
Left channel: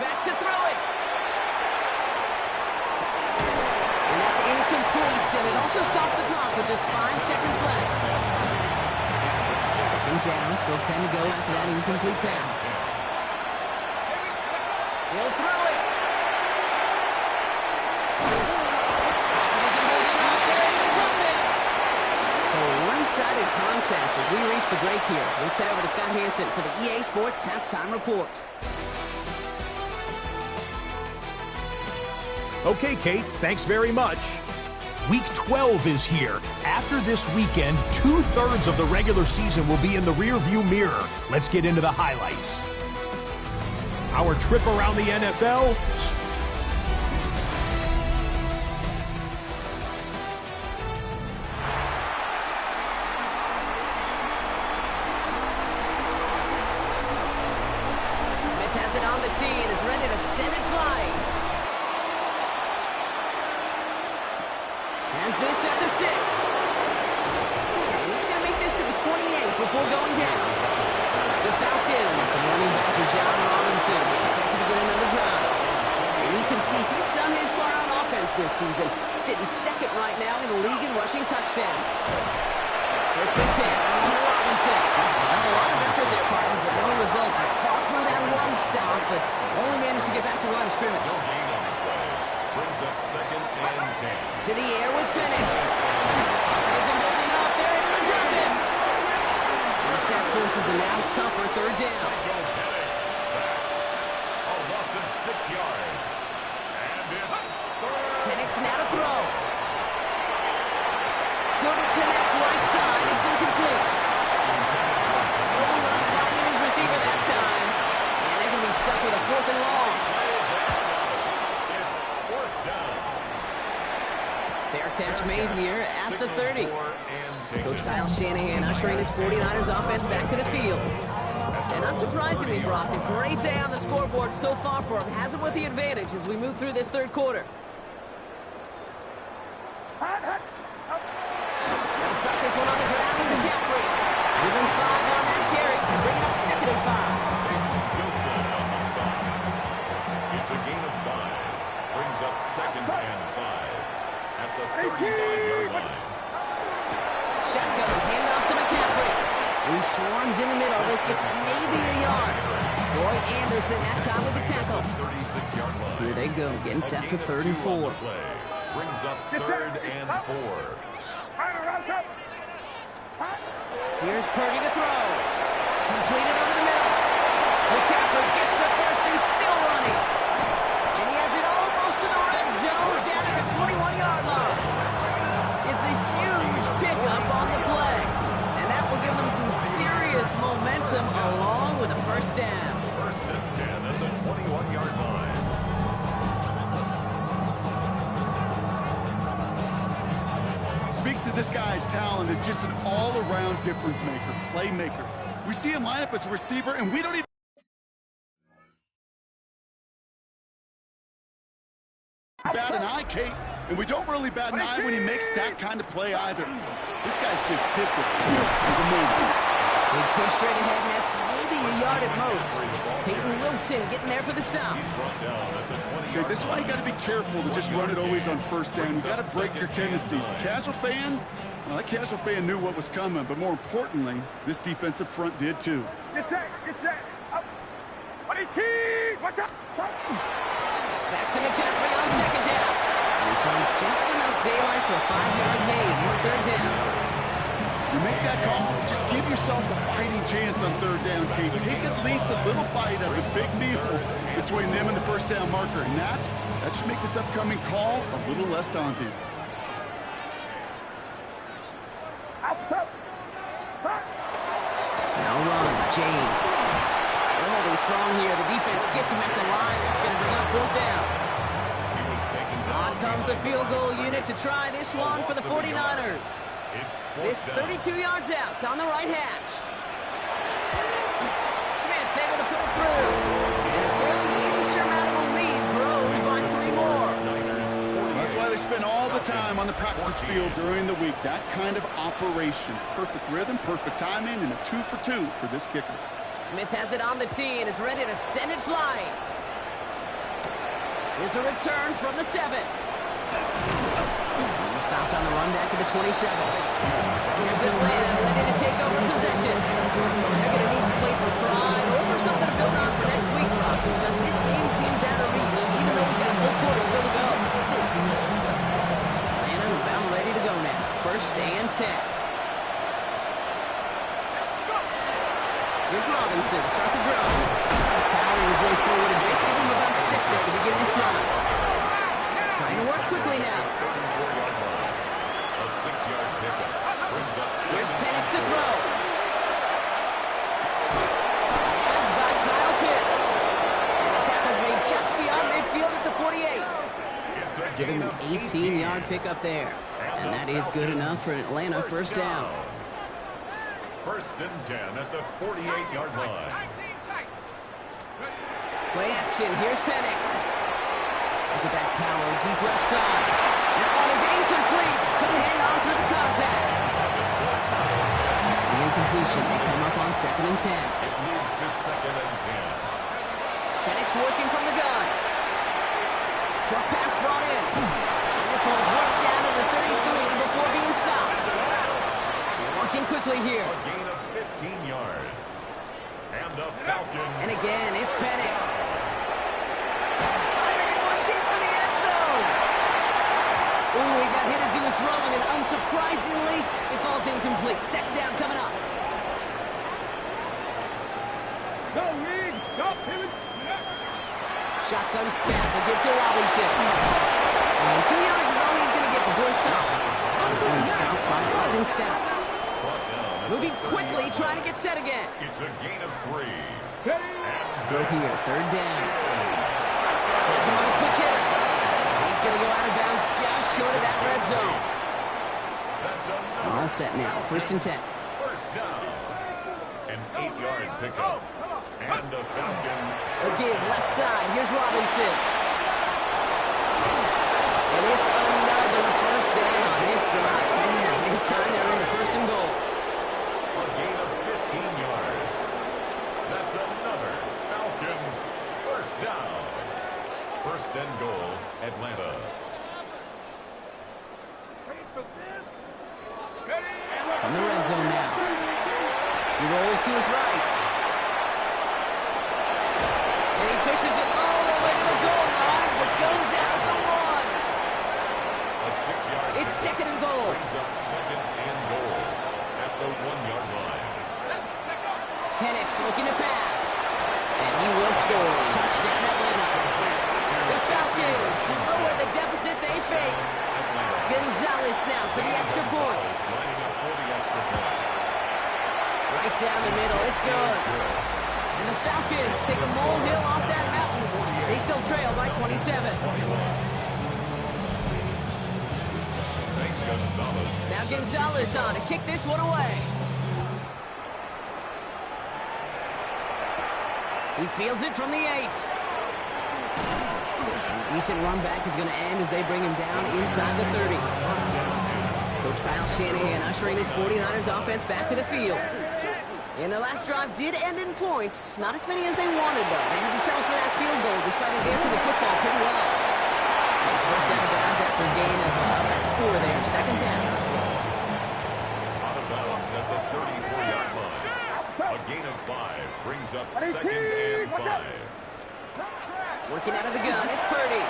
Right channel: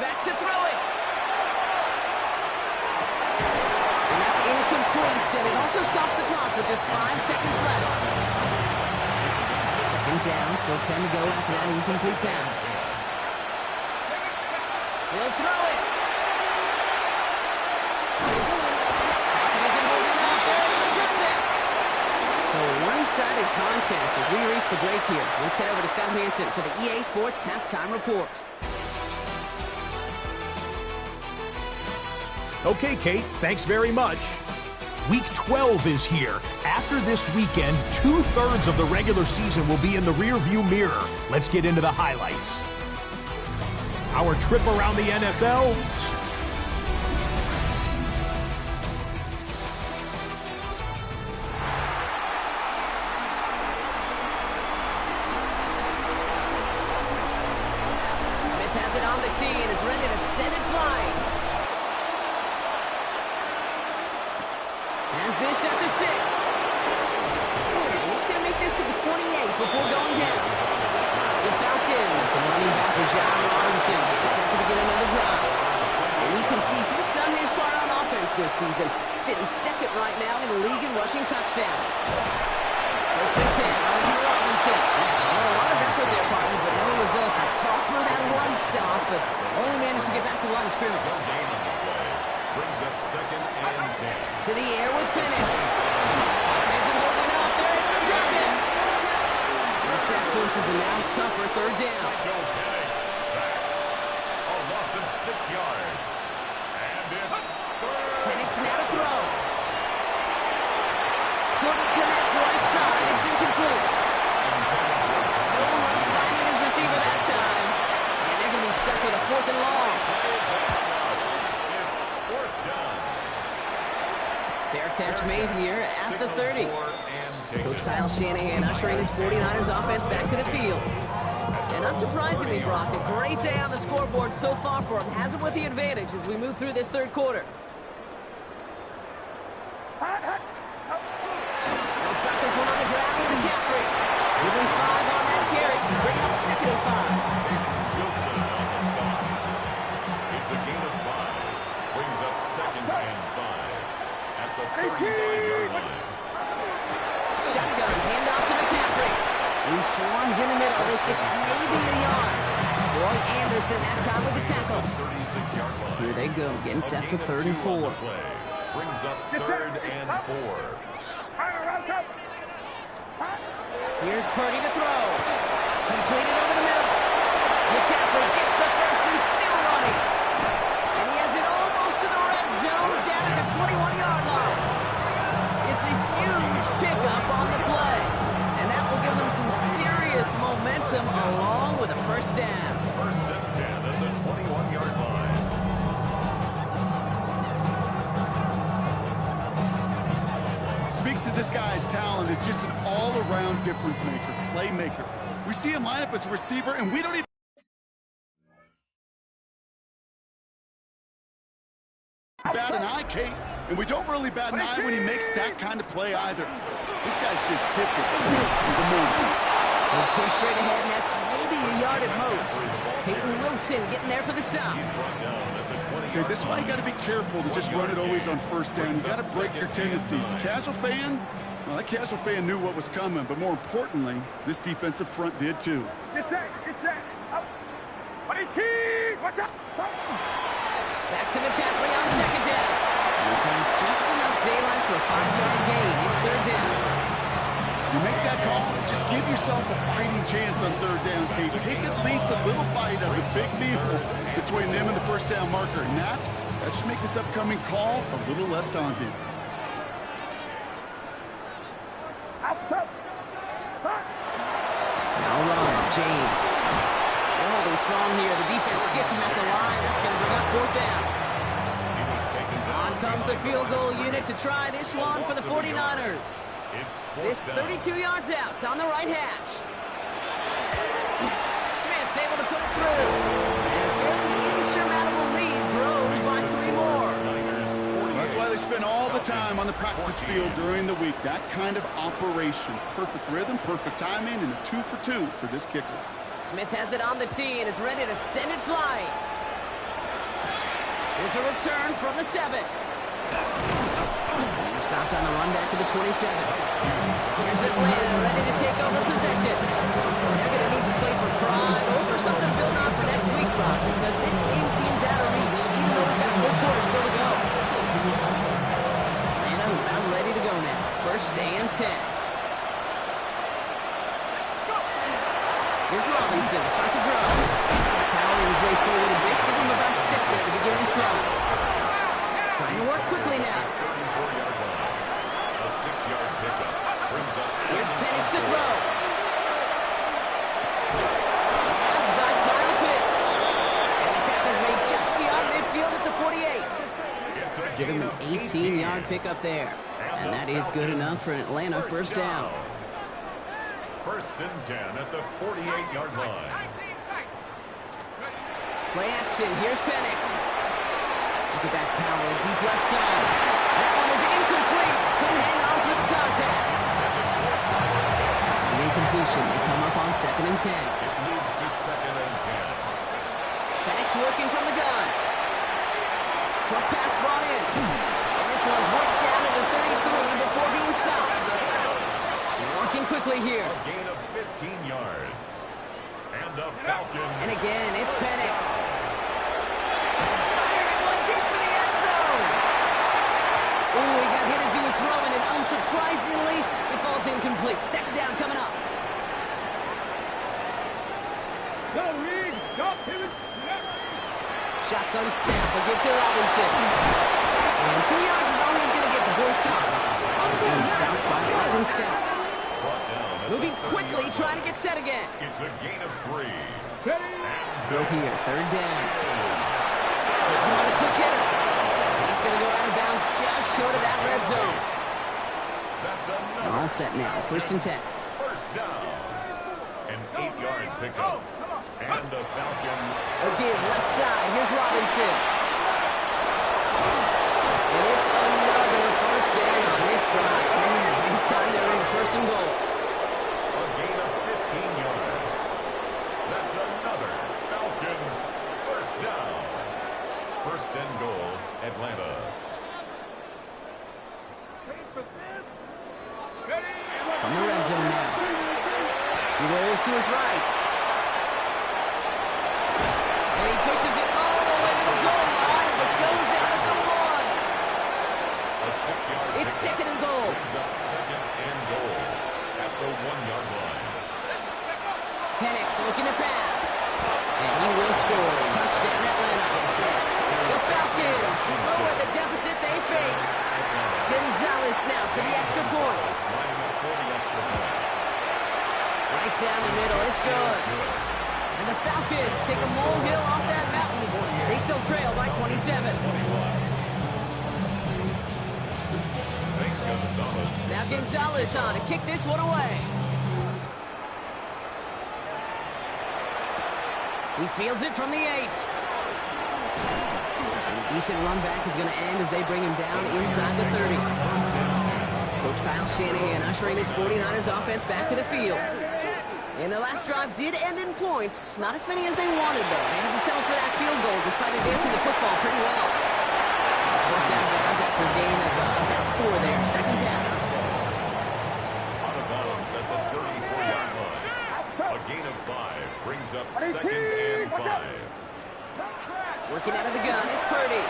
Back to throw it. And that's incomplete, and it also stops the clock with just 5 seconds left. 2nd down, still 10 to go after that incomplete pass. He'll throw it. Pocket isn't holding up. They're able to drop it. So a one-sided contest as we reach the break here. Let's head over to Scott Hansen for the EA Sports Halftime Report. Okay, Kate, thanks very much. Week 12 is here. After this weekend, 2/3 of the regular season will be in the rearview mirror. Let's get into the highlights. Our trip around the NFL. Smith has it on the tee and is ready to send it flying. Has this at the 6. And he's going to make this to the 28 before going down. The Falcons, running back John Robinson, getting set to begin another drive. And you can see he's done his part on offense this season, sitting 2nd right now in the league in rushing touchdowns. 1st and 10 on Robinson. A lot of effort there, partner, but no results. He fought through that one stop, but only managed to get back to the line of scrimmage. No gain on the play. Brings up 2nd and 10. To the air with Penix. Pocket isn't holding up. They're able to drop it. The sack forces a now tougher 3rd down. Michael Penix sacked. A loss of 6 yards. And it's 3rd. Penix now to throw. Couldn't connect right side. It's incomplete. No luck finding his receiver that time. And they're going to be stuck with a 4th and long. It's 4th down. Fair catch made here at the 30. Coach Kyle Shanahan ushering his 49ers offense back to the field. And unsurprisingly, Brock, a great day on the scoreboard so far for him. Has him with the advantage as we move through this 3rd quarter. They'll start this one on the ground with McCaffrey. Within 5 on that carry, bringing up 2nd and 5. Wilson on the stop. It's a gain of 5. Brings up 2nd and 5 at the 35-yard line. Shotgun, handoff to McCaffrey. He swarms in the middle. This gets maybe a yard. Troy Anderson that time with the tackle. 36-yard line. Here they go, getting set for 3rd and 4. Brings up 3rd and 4. Here's Purdy to throw. Completed over the middle. McCaffrey gets the first and still running. And he has it almost to the red zone, down at the 21-yard line. It's a huge pickup on the play. And that will give them some serious momentum along with a first down. First and 10 at the 21-yard line. Speaks to this guy's talent as just an all-around difference maker, playmaker. We see him line up as a receiver, and we don't even bat an eye, Kate, and we don't really bat an eye when he makes that kind of play either. This guy's just different. The moment. He's pushed straight ahead, and that's maybe a yard at most. Peyton Wilson getting there for the stop. He's brought down at the 20-yard Okay, this is why you got to be careful to just run it always on first down. You got to break your tendencies. The casual fan, well, that casual fan knew what was coming, but more importantly, this defensive front did too. Get set, up. Watch out. Back to McCaffrey on second down. And he finds just enough daylight for a 5-yard gain. It's third down. You make that call to just give yourself a fighting chance on third down, Kate. Take at least a little bite of the big meal between them and the first down marker. And that should make this upcoming call a little less daunting. Now run, James. They're holding strong here. The defense gets him at the line. That's going to bring up fourth down. He was taken down. On comes the field goal unit to try this one for the 49ers. This 32 yards out on the right hash. Smith able to put it through. And a fairly insurmountable lead grows by 3 more. That's why they spend all the time on the practice field during the week. That kind of operation. Perfect rhythm, perfect timing, and a 2 for 2 for this kicker. Smith has it on the tee, and it's ready to send it flying. Here's a return from the 7. He stopped on the run back at the 27. Here's Atlanta ready to take over possession. They're going to need to play for pride or for something to build on for next week, Brock, because this game seems out of reach, even though we've got a full quarter still to go. Atlanta about ready to go now. First and 10. Here's Robinson to start the drive. Powering his way forward a bit. Give him about 6 there to begin this drive. Trying to work quickly now. 34-yard line. A 6-yard pickup brings up. Here's Penix to throw. Grabbed by Kyle Pitts. And the tackle's made just beyond midfield at the 48. Give him an 18-yard pickup there. And that is good enough for an Atlanta first down. First and 10 at the 48-yard line. Play action. Here's Penix. Look at that power. Deep left side. That one is incomplete. Couldn't hang on through the contact. The incompletion. They come up on second and 10. It leads to second and 10. Penix working from the gun. Short pass brought in. And this one's worked down to the 33 before being stopped. They're working quickly here. A gain of 15 yards. And the Falcons. And again, it's Penix. Firing one deep for the end zone. Ooh, he got hit as he was throwing, and unsurprisingly, it falls incomplete. Second down coming up. Go, Reed. Go, pivot. Shotgun snap, a give to Robinson. And 2 yards is all he's going to get before he's caught. And stopped by Austin Stout. Moving quickly, trying to get set again. It's a gain of 3. Throw here, third down. Has him on the quick hitter. He's going to go out of bounds just short of that red zone. That's another. All set now, first and 10. First down. An 8-yard pickup. And the Falcons. Again, left side. Here's Robinson. And it's another first down on this drive. Man, this time they're into first and goal. A gain of 15 yards. That's another Falcons first down. First and goal, Atlanta. On the red zone now. He rolls to his right. And he pushes it all the way to the goal line. It goes out at the 1. A 6-yard It's second and goal. Brings up second and goal at the 1-yard line. Penix looking to pass. And he will score. Touchdown, Atlanta. The Falcons lower the deficit they face. Gonzalez now for the extra point. Right down the middle. It's good. And the Falcons take a molehill off that mountain as they still trail by 27. Now Gonzalez on to kick this one away. He fields it from the 8. And a decent run back is going to end as they bring him down inside the 30. Coach Kyle Shanahan ushering his 49ers offense back to the field. And their last drive did end in points. Not as many as they wanted, though. They had to settle for that field goal despite advancing the football pretty well. And he's forced out of bounds after a gain of about 4 there. Second down. Out of bounds at the 34-yard line. A gain of 5 brings up second and 5. Working out of the gun, it's Purdy.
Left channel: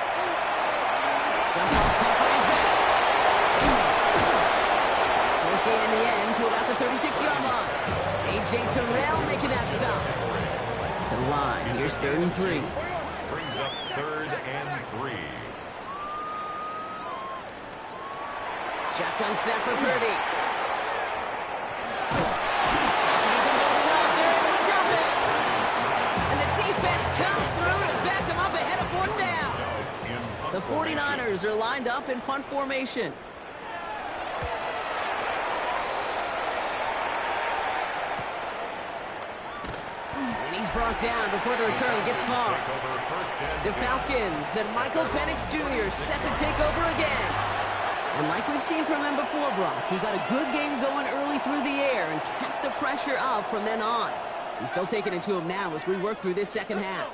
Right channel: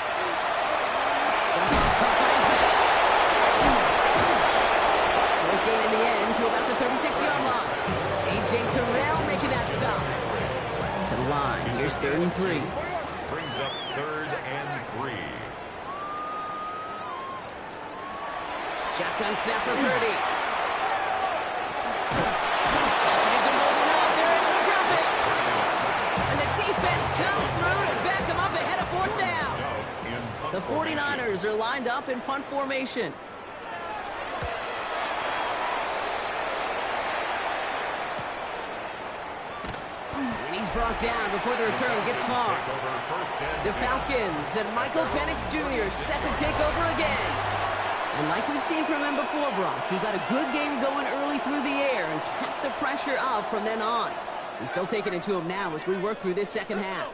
Jump off top on his back. Short gain in the end to about the 36-yard line. A.J. Terrell making that stop. To the line, here's 3rd and 3. Brings up 3rd and 3. Shotgun snap for Purdy. Defense comes through to back him up ahead of 4th down. The 49ers are lined up in punt formation. And he's brought down before the return gets far. The Falcons and Michael Penix Jr. set to take over again. And like we've seen from him before, Brock, he got a good game going early through the air and kept the pressure up from then on. He's still taking it to him now as we work through this second half.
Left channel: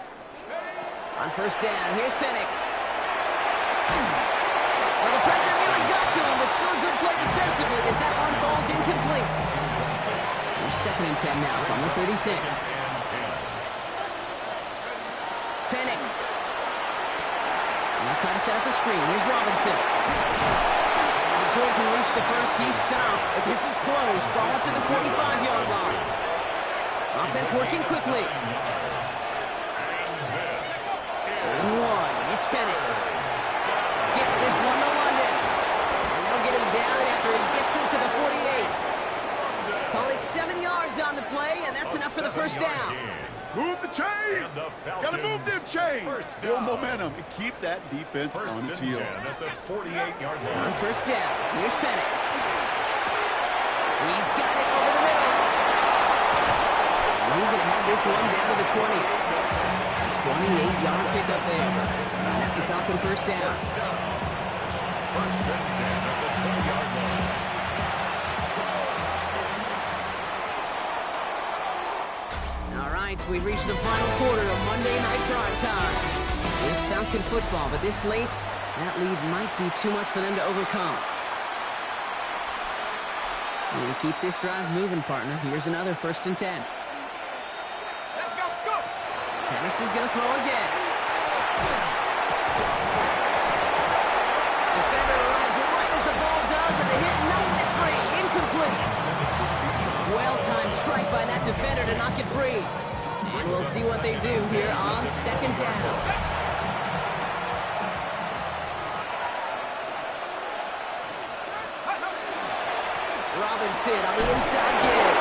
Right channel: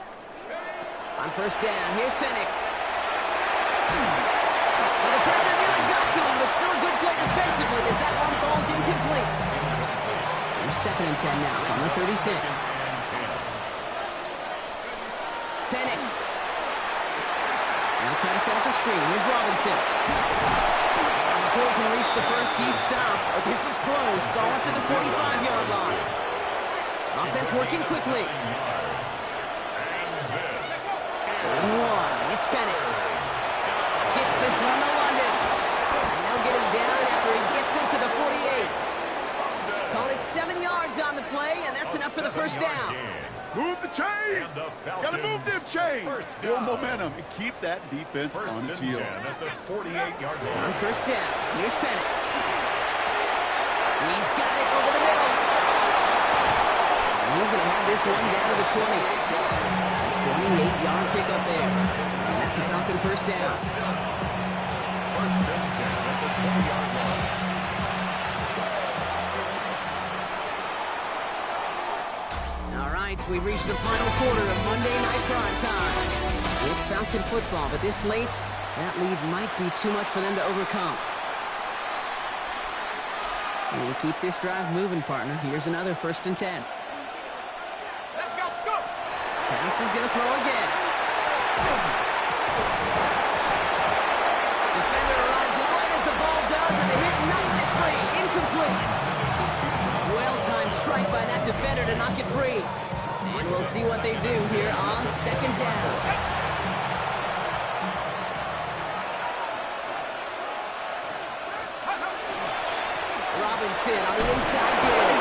On 1st down, here's Penix. Well, the pressure nearly got to him, but still a good play defensively as that one falls incomplete. Here's 2nd and 10 now from the 36. Penix. Now trying to set up the screen. Here's Robinson. And before he can reach the first, he's stopped. But this is close. Ball up to the 45-yard line. Offense working quickly. 3rd and 1. It's Penix. Gets this one to London. And they'll get him down after he gets into the 48. Call it 7 yards on the play, and that's enough for the 1st down. Move the chains. Got to move them chains. Build momentum and keep that defense on its heels. At the 48-yard line. On 1st down, here's Penix. He's got it over the middle. He's going to have this one down to the 20. A 28-yard pickup there. And that's a Falcon 1st down. 1st and 10 at the 20-yard line. All right, we've reached the final quarter of Monday Night Prime Time. It's Falcon football, but this late, that lead might be too much for them to overcome. You keep this drive moving, partner. Here's another 1st and 10. Penix is going to throw again. Defender arrives right as the ball does, and the hit knocks it free. Incomplete. Well-timed strike by that defender to knock it free. And we'll see what they do here on 2nd down. Robinson on the inside give.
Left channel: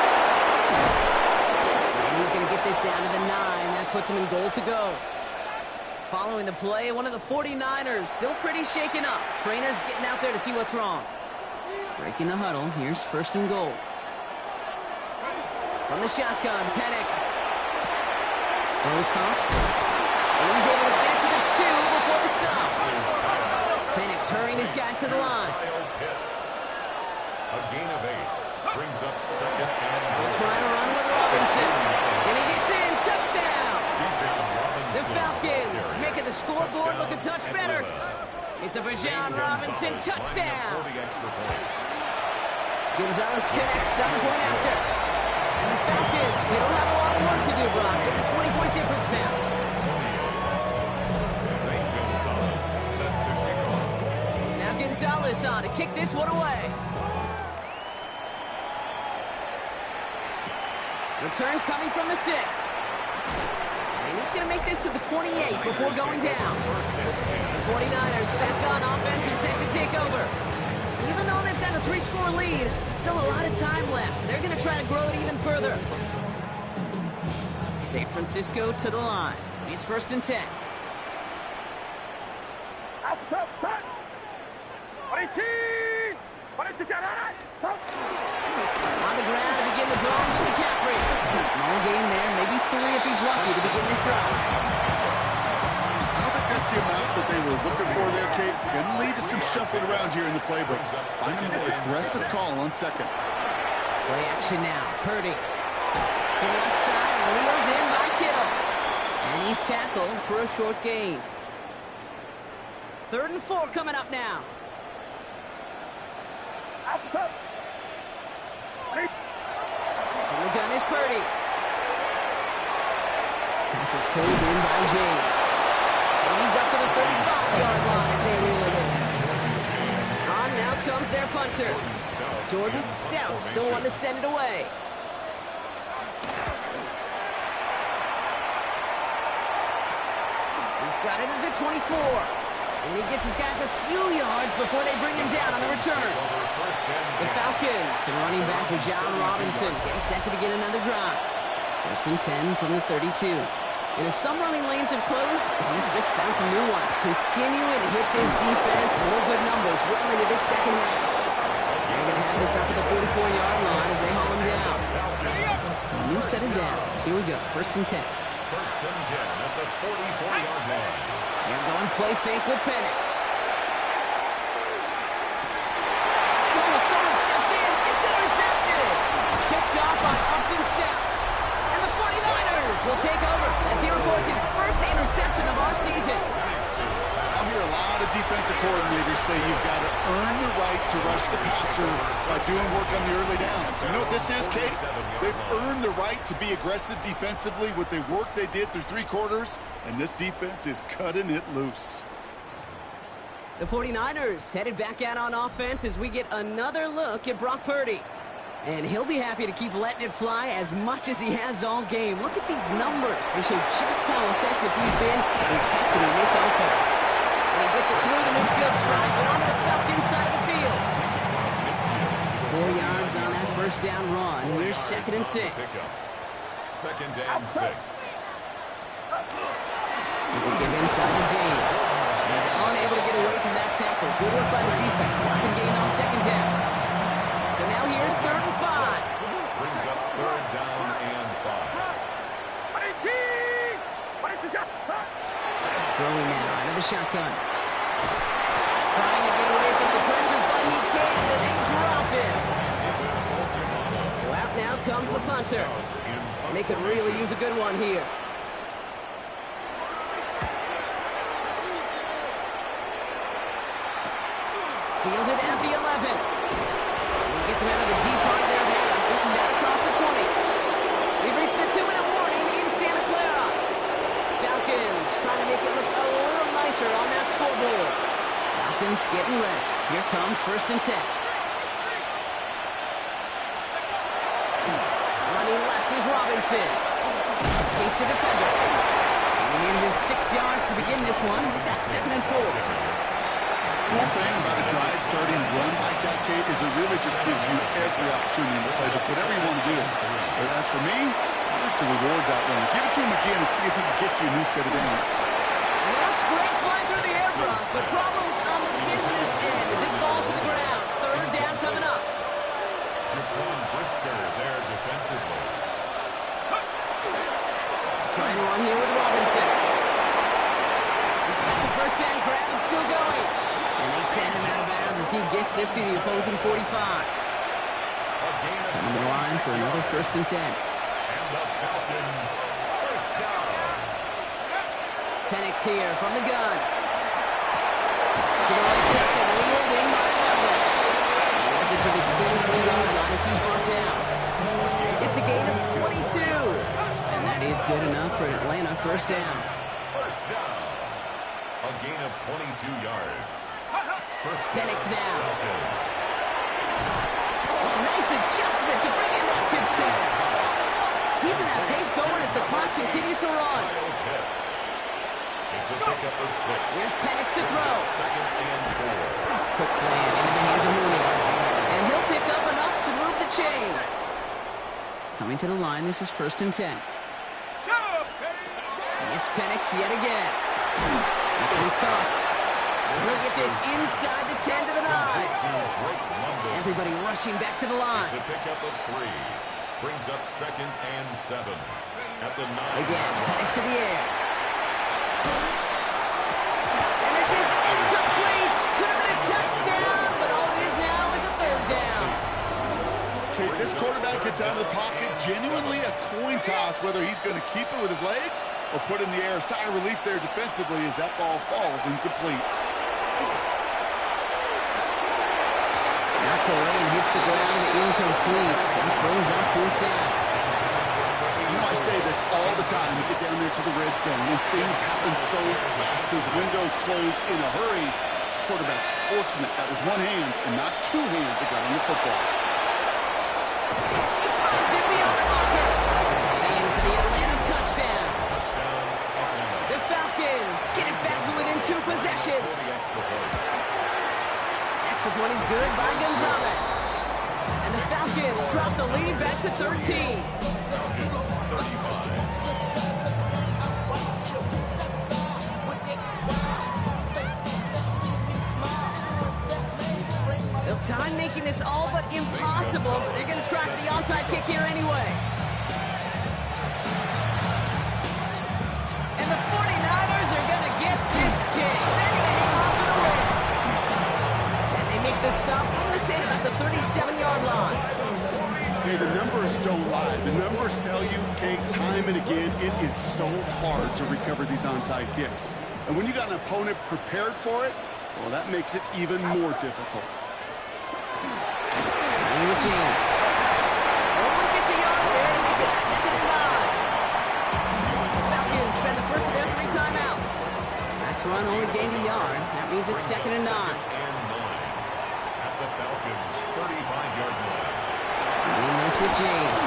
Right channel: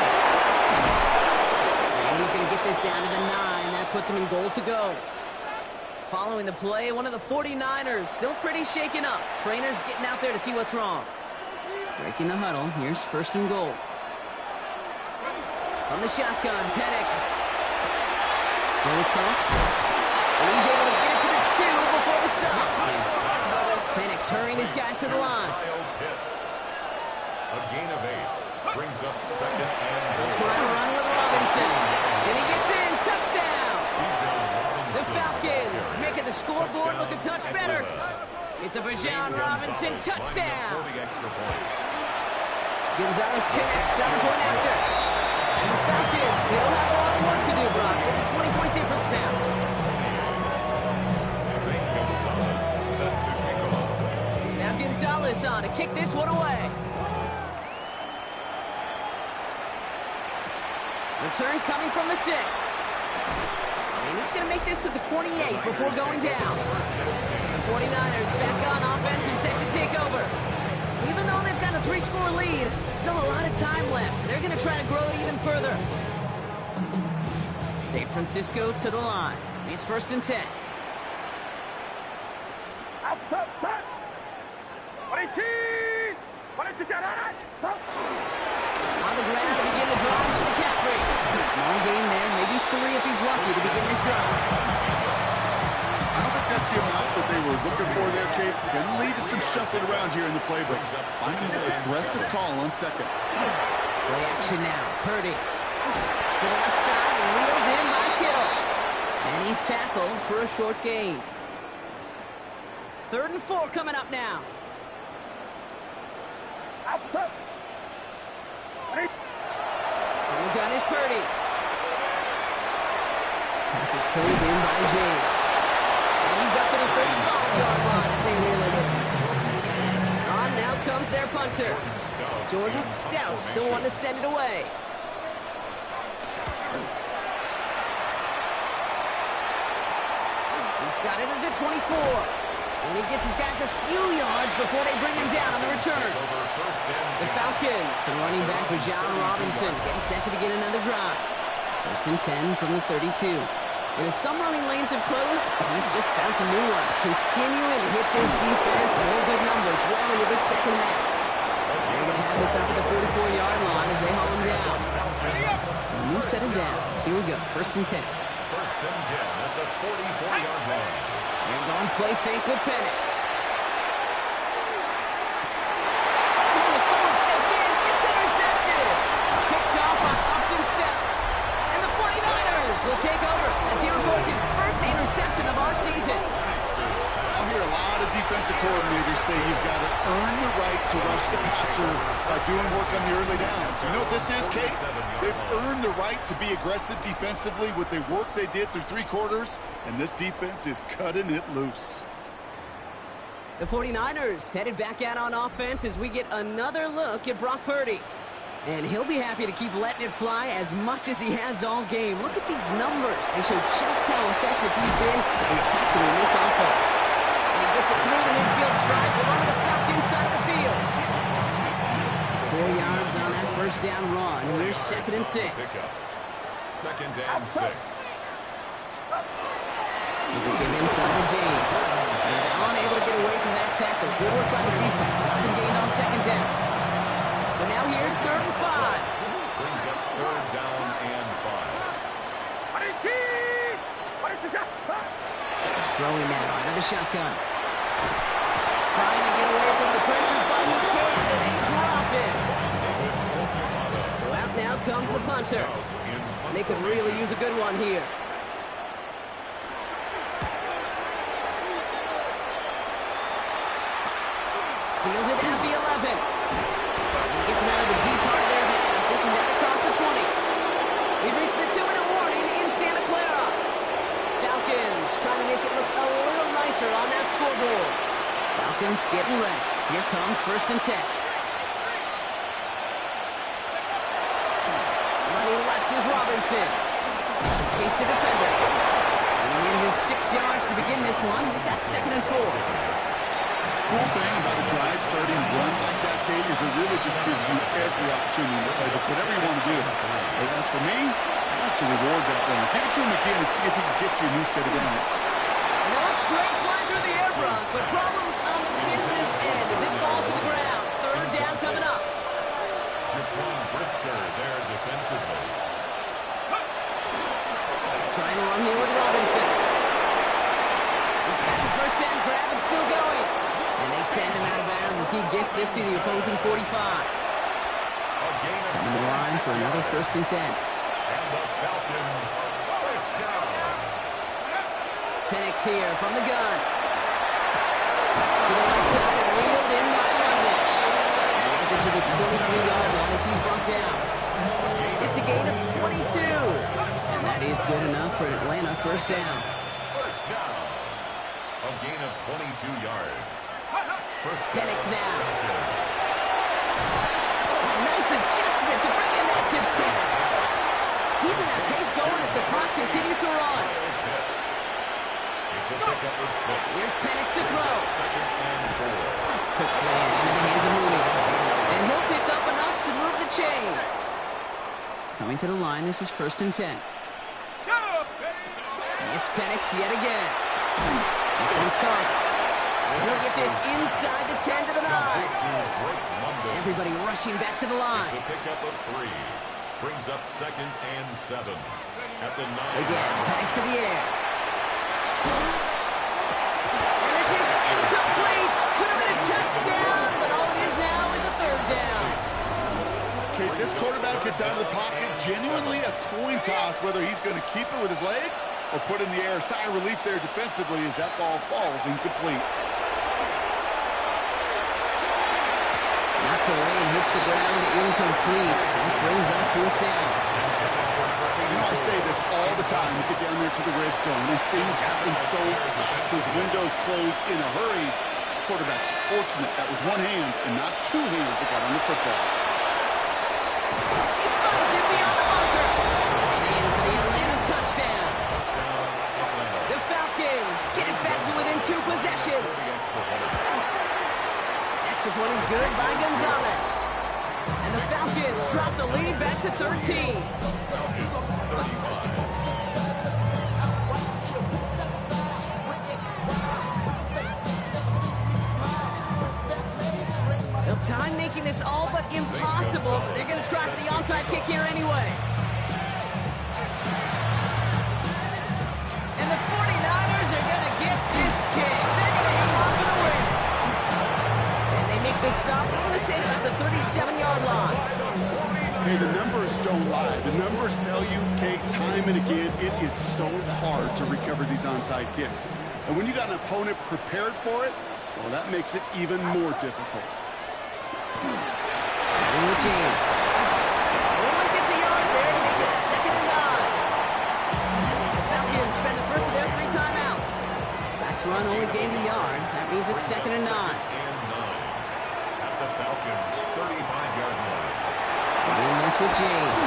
And he's going to get this down to the 9. That puts him in goal to go. Following the play, one of the 49ers still pretty shaken up. Trainers getting out there to see what's wrong. Breaking the huddle. Here's 1st and goal. From the shotgun, Penix. Throws caught. And he's able to get it to the 2 before the stop. Penix hurrying his guys to the line. A gain of 8 brings up 2nd and He'll try to run with Robinson. And he gets in. Touchdown. The Falcons making the scoreboard look a touch better. It's a Bijan Robinson touchdown. Gonzalez connects on the point after. And the Falcons still have a lot of work to do, Brock. It's a 20-point difference now. Gonzalez set to kick off. Now Gonzalez on to kick this one away. Return coming from the 6. And he's going to make this to the 28 before going down. The 49ers back on offense and set to take over. Even though they've got a 3-score lead, still a lot of time left. They're going to try to grow it even further. San Francisco to the line. It's 1st and 10. On the ground to begin the drive from McCaffrey. Small gain there, maybe 3 if he's lucky to begin this drive. I don't think that's the amount that they were looking for there, Kate. Going to lead to some shuffling around here in the playbook. Finding an aggressive call on 2nd. Play action now. Purdy to the left side and reeled in by Kittle. And he's tackled for a short gain. 3rd and 4 coming up now. And the gun is Purdy. Pass is pulled in by James. And he's up to the 35-yard line as they reel it in. On now comes their punter. Jordan Stout's the one to send it away. He's got it at the 24. And he gets his guys a few yards before they bring him down on the return. The Falcons and running back John Robinson getting set to begin another drive. 1st and 10 from the 32. And as some running lanes have closed, he's just found some new ones. Continuing to hit this defense, more good numbers well into this second half. They're going to have this up at the 44-yard line as they haul him down. So a new set of downs. Here we go, 1st and 10. 1st and 10 at the 44-yard line. They're going play fake with Penix. Oh, someone stepped in. It's intercepted. Picked off by Upton Stout. And the 49ers will take over as he records his first interception of our season. I'll hear a lot of defensive coordinators say you've got to earn the right to rush the passer by doing work on the early downs. You know what this is, Kate? They've earned the right to be aggressive defensively with the work they did through 3 quarters, and this defense is cutting it loose. The 49ers headed back out on offense as we get another look at Brock Purdy. And he'll be happy to keep letting it fly as much as he has all game. Look at these numbers. They show just how effective he's been in captaining this offense. And he gets it through the midfield stripe and onto the Falcons side of the field. 4 yards on that 1st down run. Here's 2nd and 6. 2nd and 6. Here's a give inside to James. He's unable to get away from that tackle. Good work by the defense. Nothing gained on 2nd down. So now here's 3rd and 5. Brings up 3rd down and 5. Throwing now out of the shotgun. Trying to get away from the pressure, but he can't, and they drop him. So out now comes the punter. And they could really use a good one here. Fielded at the 11. And he gets him out of the deep part of their half. This is out across the 20. We've reached the 2-minute warning in Santa Clara. Falcons trying to make it look a little nicer on that scoreboard. Falcons getting ready. Here comes 1st and 10. Running left is Robinson. Escapes a defender. And he manages 6 yards to begin this one. We've got 2nd and 4. Cool thing about a drive starting run like that, Kate, is it really just gives you every opportunity to play whatever you want to do. But as for me, I like to reward that runner. Give it to him again and see if he can get you a new set of downs. And it looks great flying through the air, Brock, but problems on the business end as it falls to the ground. 3rd down coming up. Jaquan Brisker there defensively. Trying to run here with Robinson. He's got the 1st down grab and still going. And they send him out of bounds as he gets this to the opposing 45. Coming to the line for another 1st and 10. And the Falcons, 1st down. Penix here from the gun. To the right side and reeled in by London. He has it to the 23-yard line as he's brought down. It's a gain of 22. And that is good enough for Atlanta 1st down. 1st down. A gain of 22 yards. Penix now. Oh, nice adjustment to bring in that tip pass. keeping that pace going as the clock continues to run. It's a pickup of 6. Here's Penix to throw. Second and 4. Quick slant into the hands of Mooney. And he'll pick up enough to move the chains. Coming to the line, this is 1st and 10. It's Penix yet again. This one's caught. And he'll get this inside the 10 to the 9. Everybody rushing back to the line. It's a pickup of 3. Brings up 2nd and 7. At the 9. Again, Penix to the air. And this is incomplete. Could have been a touchdown, but all it is now is a 3rd down. Okay, this quarterback gets out of the pocket, genuinely a coin toss whether he's going to keep it with his legs or put it in the air. Sigh of relief there defensively as that ball falls incomplete. Knocked away and hits the ground incomplete. That brings up 4th down. You know, I say this all the time. You get down there to the red zone, and things happen so fast. Those windows close in a hurry. Quarterback's fortunate. That was one hand and not 2 hands that got on the football. He finds it beyond the marker. And in for the Atlanta touchdown. Touchdown, Atlanta. The Falcons get it back to within 2 possessions. Extra point is good by Gonzalez. And the Falcons drop the lead back to 13. Falcons 35. They'll time making this all but impossible, but they're going to try for the onside kick here anyway. And the 49ers are going to get this kick. They're going to hang on for the win. And they make the stop, I'm going to say, at about the 37-yard line. Hey, the numbers don't lie. The numbers tell you, Kate, time and again, it is so hard to recover these onside kicks. And when you got an opponent prepared for it, well, that makes it even more difficult. Running with James. Only gets a yard there to make it 2nd and 9. The Falcons spend the first of their 3 timeouts. Last run only gained a yard. That means it's 2nd and 9. At the Falcons' 35-yard line. Win this with James.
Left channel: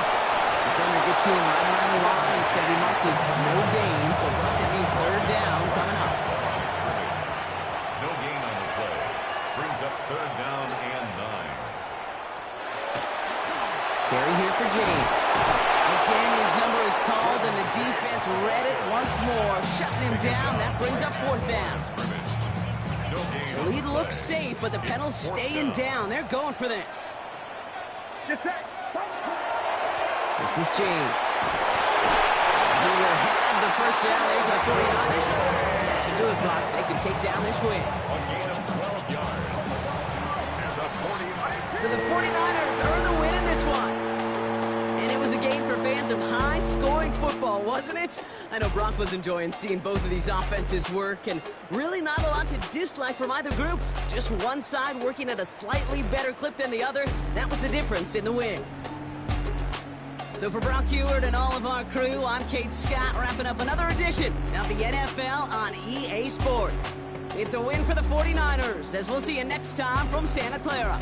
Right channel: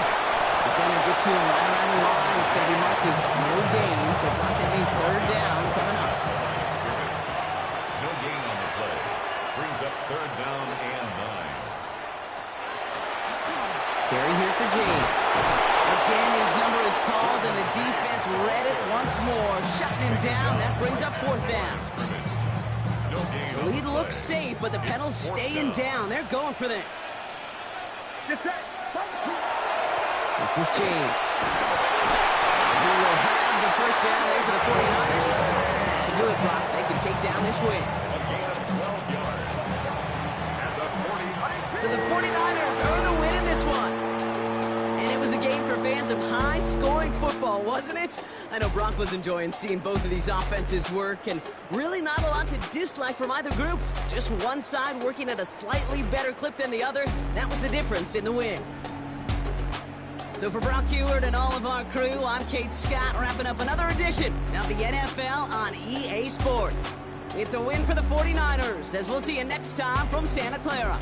Defender gets to him right around the line. It's going to be marked as no gain, so Brock, that means 3rd down coming up. Line of scrimmage. No gain on the play. Brings up 3rd down and 9. Carry here for James. Again, his number is called, and the defense read it once more, shutting him down. That brings up 4th down. No gain. The lead looks safe, but the Penals staying down. They're going for this. This is James. He will have the 1st down there for the 49ers. That should do it, Brock. They can take down this win. A gain of 12 yards. And the 49ers. So the 49ers earn the win in this one. And it was a game for fans of high-scoring football, wasn't it? I know Brock was enjoying seeing both of these offenses work, and really not a lot to dislike from either group. Just one side working at a slightly better clip than the other. That was the difference in the win. So for Brock Heward and all of our crew, I'm Kate Scott, wrapping up another edition of the NFL on EA Sports. It's a win for the 49ers, as we'll see you next time from Santa Clara.